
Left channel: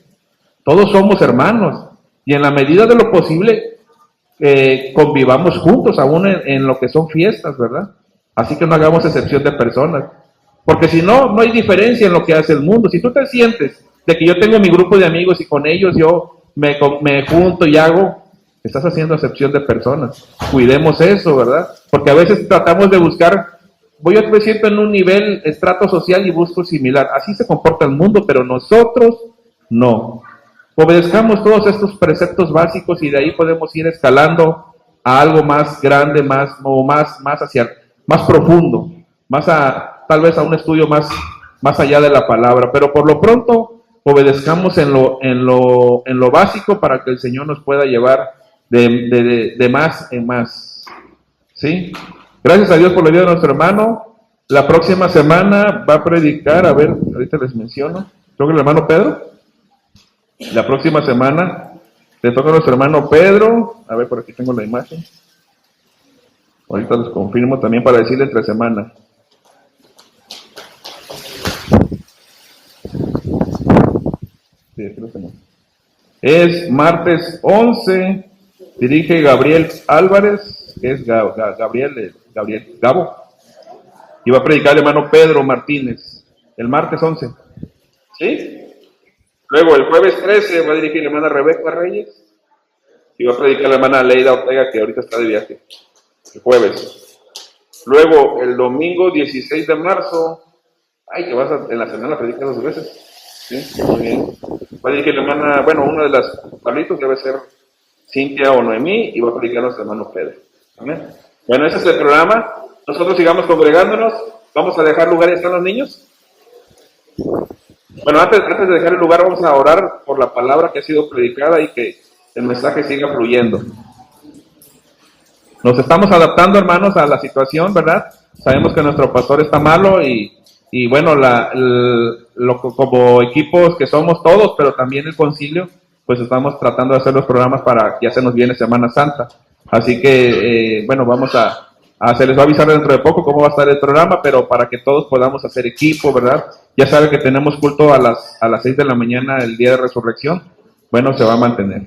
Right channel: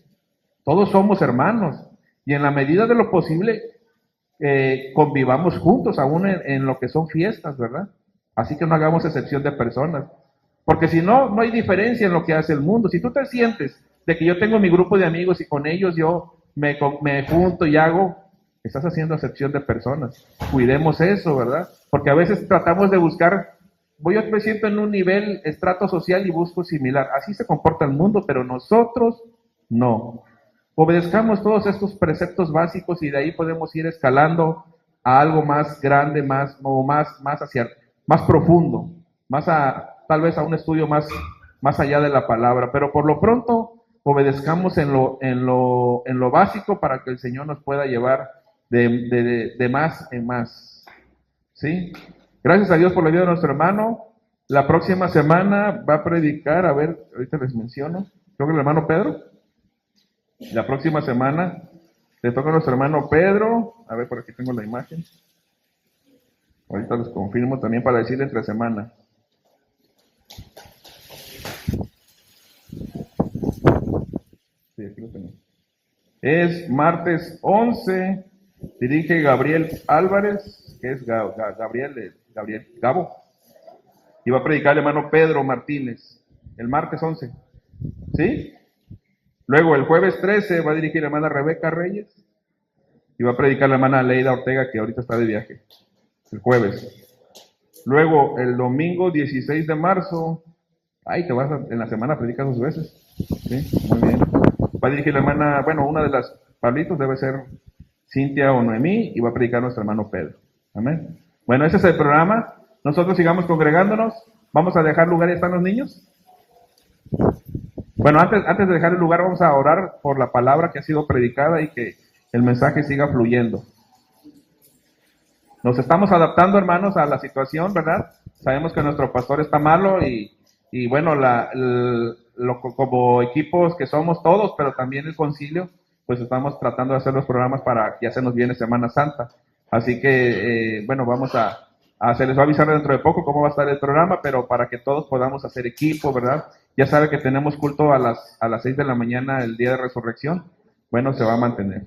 Todos somos hermanos y en la medida de lo posible convivamos juntos aún en lo que son fiestas, ¿verdad? Así que no hagamos excepción de personas. Porque si no, no hay diferencia en lo que hace el mundo. Si tú te sientes de que yo tengo mi grupo de amigos y con ellos yo me junto y hago, estás haciendo excepción de personas. Cuidemos eso, ¿verdad? Porque a veces tratamos de buscar... Voy a decir en un nivel, estrato social y busco similar. Así se comporta el mundo, pero nosotros no. Obedezcamos todos estos preceptos básicos y de ahí podemos ir escalando a algo más grande, más profundo, tal vez a un estudio más allá de la palabra. Pero por lo pronto, obedezcamos en lo básico para que el Señor nos pueda llevar de más en más. ¿Sí? Gracias a Dios por la vida de nuestro hermano. La próxima semana va a predicar, a ver, ahorita les menciono, creo que el hermano Pedro. La próxima semana le toca a nuestro hermano Pedro. A ver, por aquí tengo la imagen. Ahorita les confirmo también para decirle entre semana. Sí, aquí lo tengo. Es martes 11, dirige Gabriel Álvarez, que es Gabo, y va a predicar el hermano Pedro Martínez. el martes 11. ¿Sí? Luego el jueves 13 va a dirigir la hermana Rebeca Reyes y va a predicar la hermana Leida Ortega, que ahorita está de viaje, el jueves. Luego el domingo 16 de marzo, te vas en la semana a predicar 2 veces. ¿Sí? Muy bien. Va a dirigir la hermana, una de las Pablitos debe ser Cintia o Noemí, y va a predicar nuestro hermano Pedro. Amén. Bueno, ese es el programa. Nosotros sigamos congregándonos. Vamos a dejar lugar. ¿Están los niños? Bueno, antes de dejar el lugar, vamos a orar por la palabra que ha sido predicada y que el mensaje siga fluyendo. Nos estamos adaptando, hermanos, a la situación, ¿verdad? Sabemos que nuestro pastor está malo y bueno, como equipos que somos todos, pero también el concilio, pues estamos tratando de hacer los programas para que ya se nos viene Semana Santa. Así que, se les va a avisar dentro de poco cómo va a estar el programa, pero para que todos podamos hacer equipo, ¿verdad? Ya saben que tenemos culto a las 6 de la mañana el día de resurrección. Bueno, se va a mantener.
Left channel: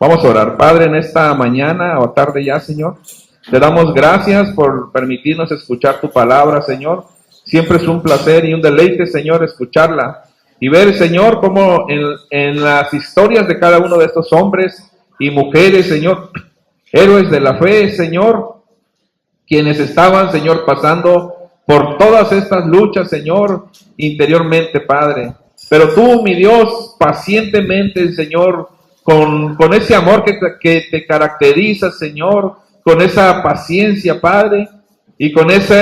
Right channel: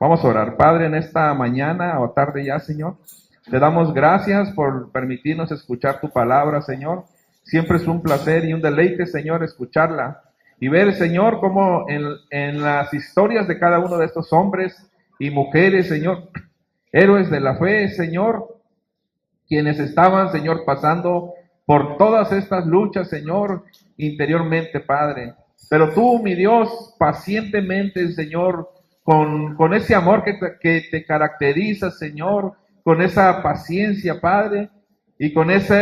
Vamos a orar. Padre, en esta mañana o tarde ya, Señor, te damos gracias por permitirnos escuchar tu palabra, Señor. Siempre es un placer y un deleite, Señor, escucharla y ver, Señor, cómo en las historias de cada uno de estos hombres y mujeres, Señor, héroes de la fe, Señor, quienes estaban, Señor, pasando por todas estas luchas, Señor, interiormente, Padre. Pero tú, mi Dios, pacientemente, Señor, con ese amor que te caracteriza, Señor, con esa paciencia, Padre, y con esa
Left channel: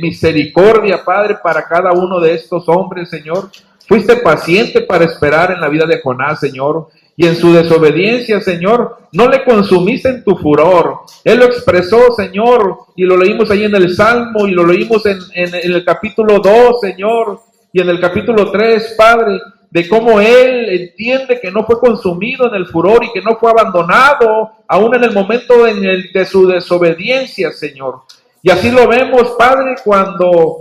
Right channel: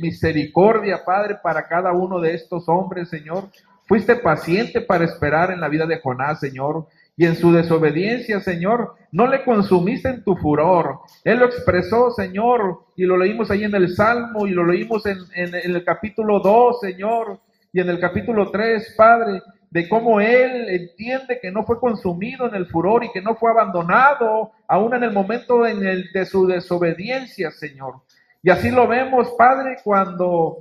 misericordia, Padre, para cada uno de estos hombres, Señor. Fuiste paciente para esperar en la vida de Jonás, Señor, y en su desobediencia, Señor, no le consumiste en tu furor. Él lo expresó, Señor, y lo leímos ahí en el Salmo, y lo leímos en el capítulo 2, Señor, y en el capítulo 3, Padre, de cómo Él entiende que no fue consumido en el furor y que no fue abandonado, aún en el momento de su desobediencia, Señor. Y así lo vemos, Padre, cuando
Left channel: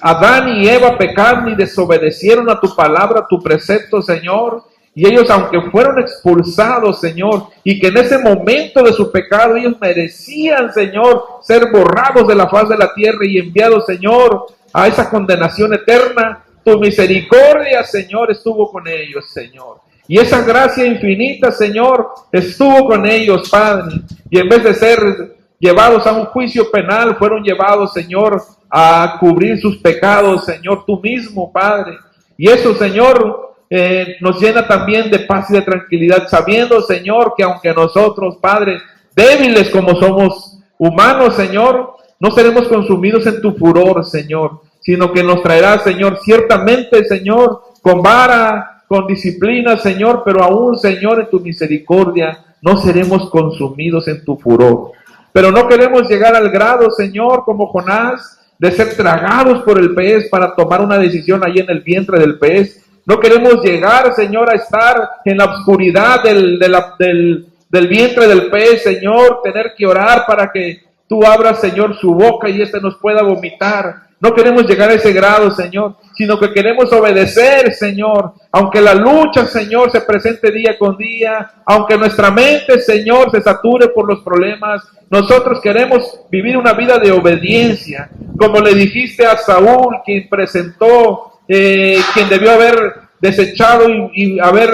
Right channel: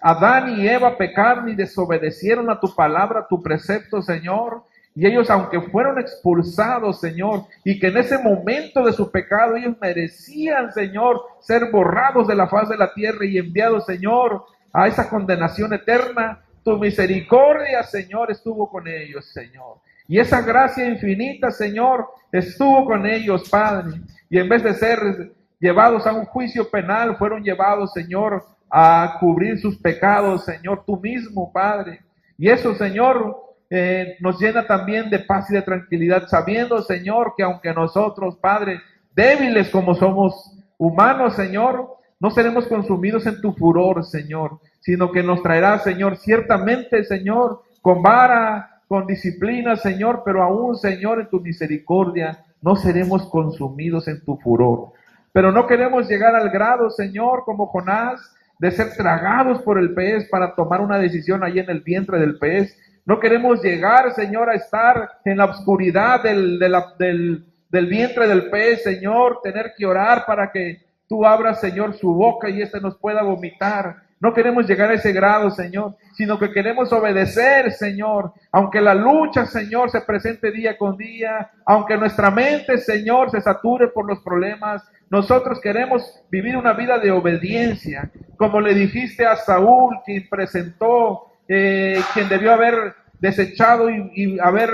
Adán y Eva pecaron y desobedecieron a tu palabra, a tu precepto, Señor. Y ellos, aunque fueron expulsados, Señor, y que en ese momento de su pecado ellos merecían, Señor, ser borrados de la faz de la tierra y enviados, Señor, a esa condenación eterna, tu misericordia, Señor, estuvo con ellos, Señor. Y esa gracia infinita, Señor, estuvo con ellos, Padre. Y en vez de ser llevados a un juicio penal, fueron llevados, Señor, a cubrir sus pecados, Señor, tú mismo, Padre. Y eso, Señor, nos llena también de paz y de tranquilidad, sabiendo, Señor, que aunque nosotros, Padre, débiles como somos humanos, Señor, no seremos consumidos en tu furor, Señor, sino que nos traerás, Señor, ciertamente, Señor, con vara, con disciplina, Señor, pero aún, Señor, en tu misericordia, no seremos consumidos en tu furor. Pero no queremos llegar al grado, Señor, como Jonás, de ser tragados por el pez para tomar una decisión ahí en el vientre del pez. No queremos llegar, Señor, a estar en la oscuridad del vientre del pez, Señor, tener que orar para que tú abras, Señor, su boca y nos pueda vomitar. No queremos llegar a ese grado, Señor, sino que queremos obedecer, Señor, aunque la lucha, Señor, se presente día con día, aunque nuestra mente, Señor, se sature por los problemas. Nosotros queremos vivir una vida de obediencia, como le dijiste a Saúl, quien presentó, quien debió haber desechado y haber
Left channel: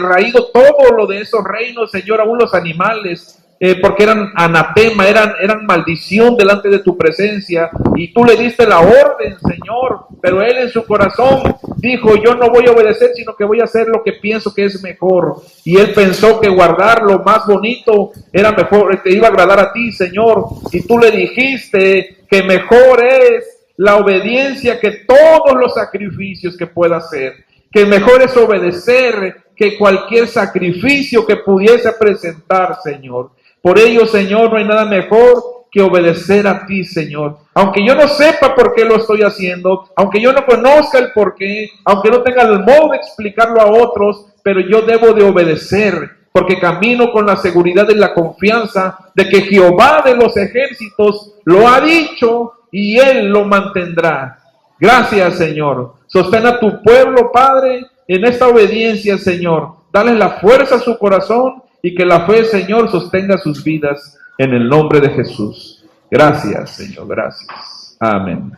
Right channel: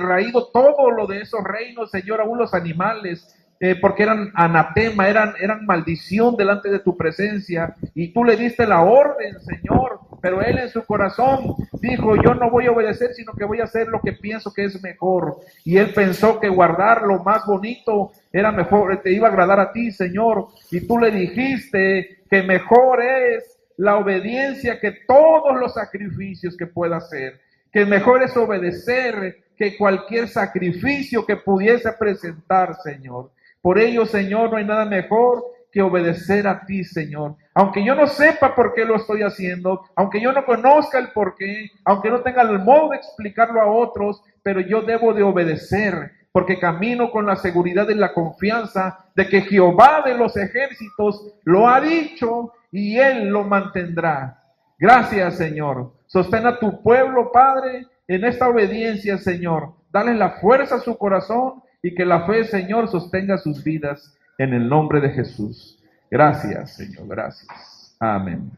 raído todo lo de esos reinos, Señor, aún los animales, porque eran anatema, eran maldición delante de tu presencia, y tú le diste la orden, Señor, pero él en su corazón dijo, yo no voy a obedecer, sino que voy a hacer lo que pienso que es mejor, y él pensó que guardar lo más bonito era mejor, te iba a agradar a ti, Señor, y tú le dijiste que mejor es la obediencia que todos los sacrificios que pueda hacer, que mejor es obedecer que cualquier sacrificio que pudiese presentar, Señor. Por ello, Señor, no hay nada mejor que obedecer a ti, Señor. Aunque yo no sepa por qué lo estoy haciendo, aunque yo no conozca el por qué, aunque no tenga el modo de explicarlo a otros, pero yo debo de obedecer, porque camino con la seguridad y la confianza de que Jehová de los ejércitos lo ha dicho y Él lo mantendrá. Gracias, Señor. Sostén a tu pueblo, Padre, en esta obediencia, Señor. Dale la fuerza a su corazón y que la fe, Señor, sostenga sus vidas en el nombre de Jesús. Gracias, Señor, gracias. Amén.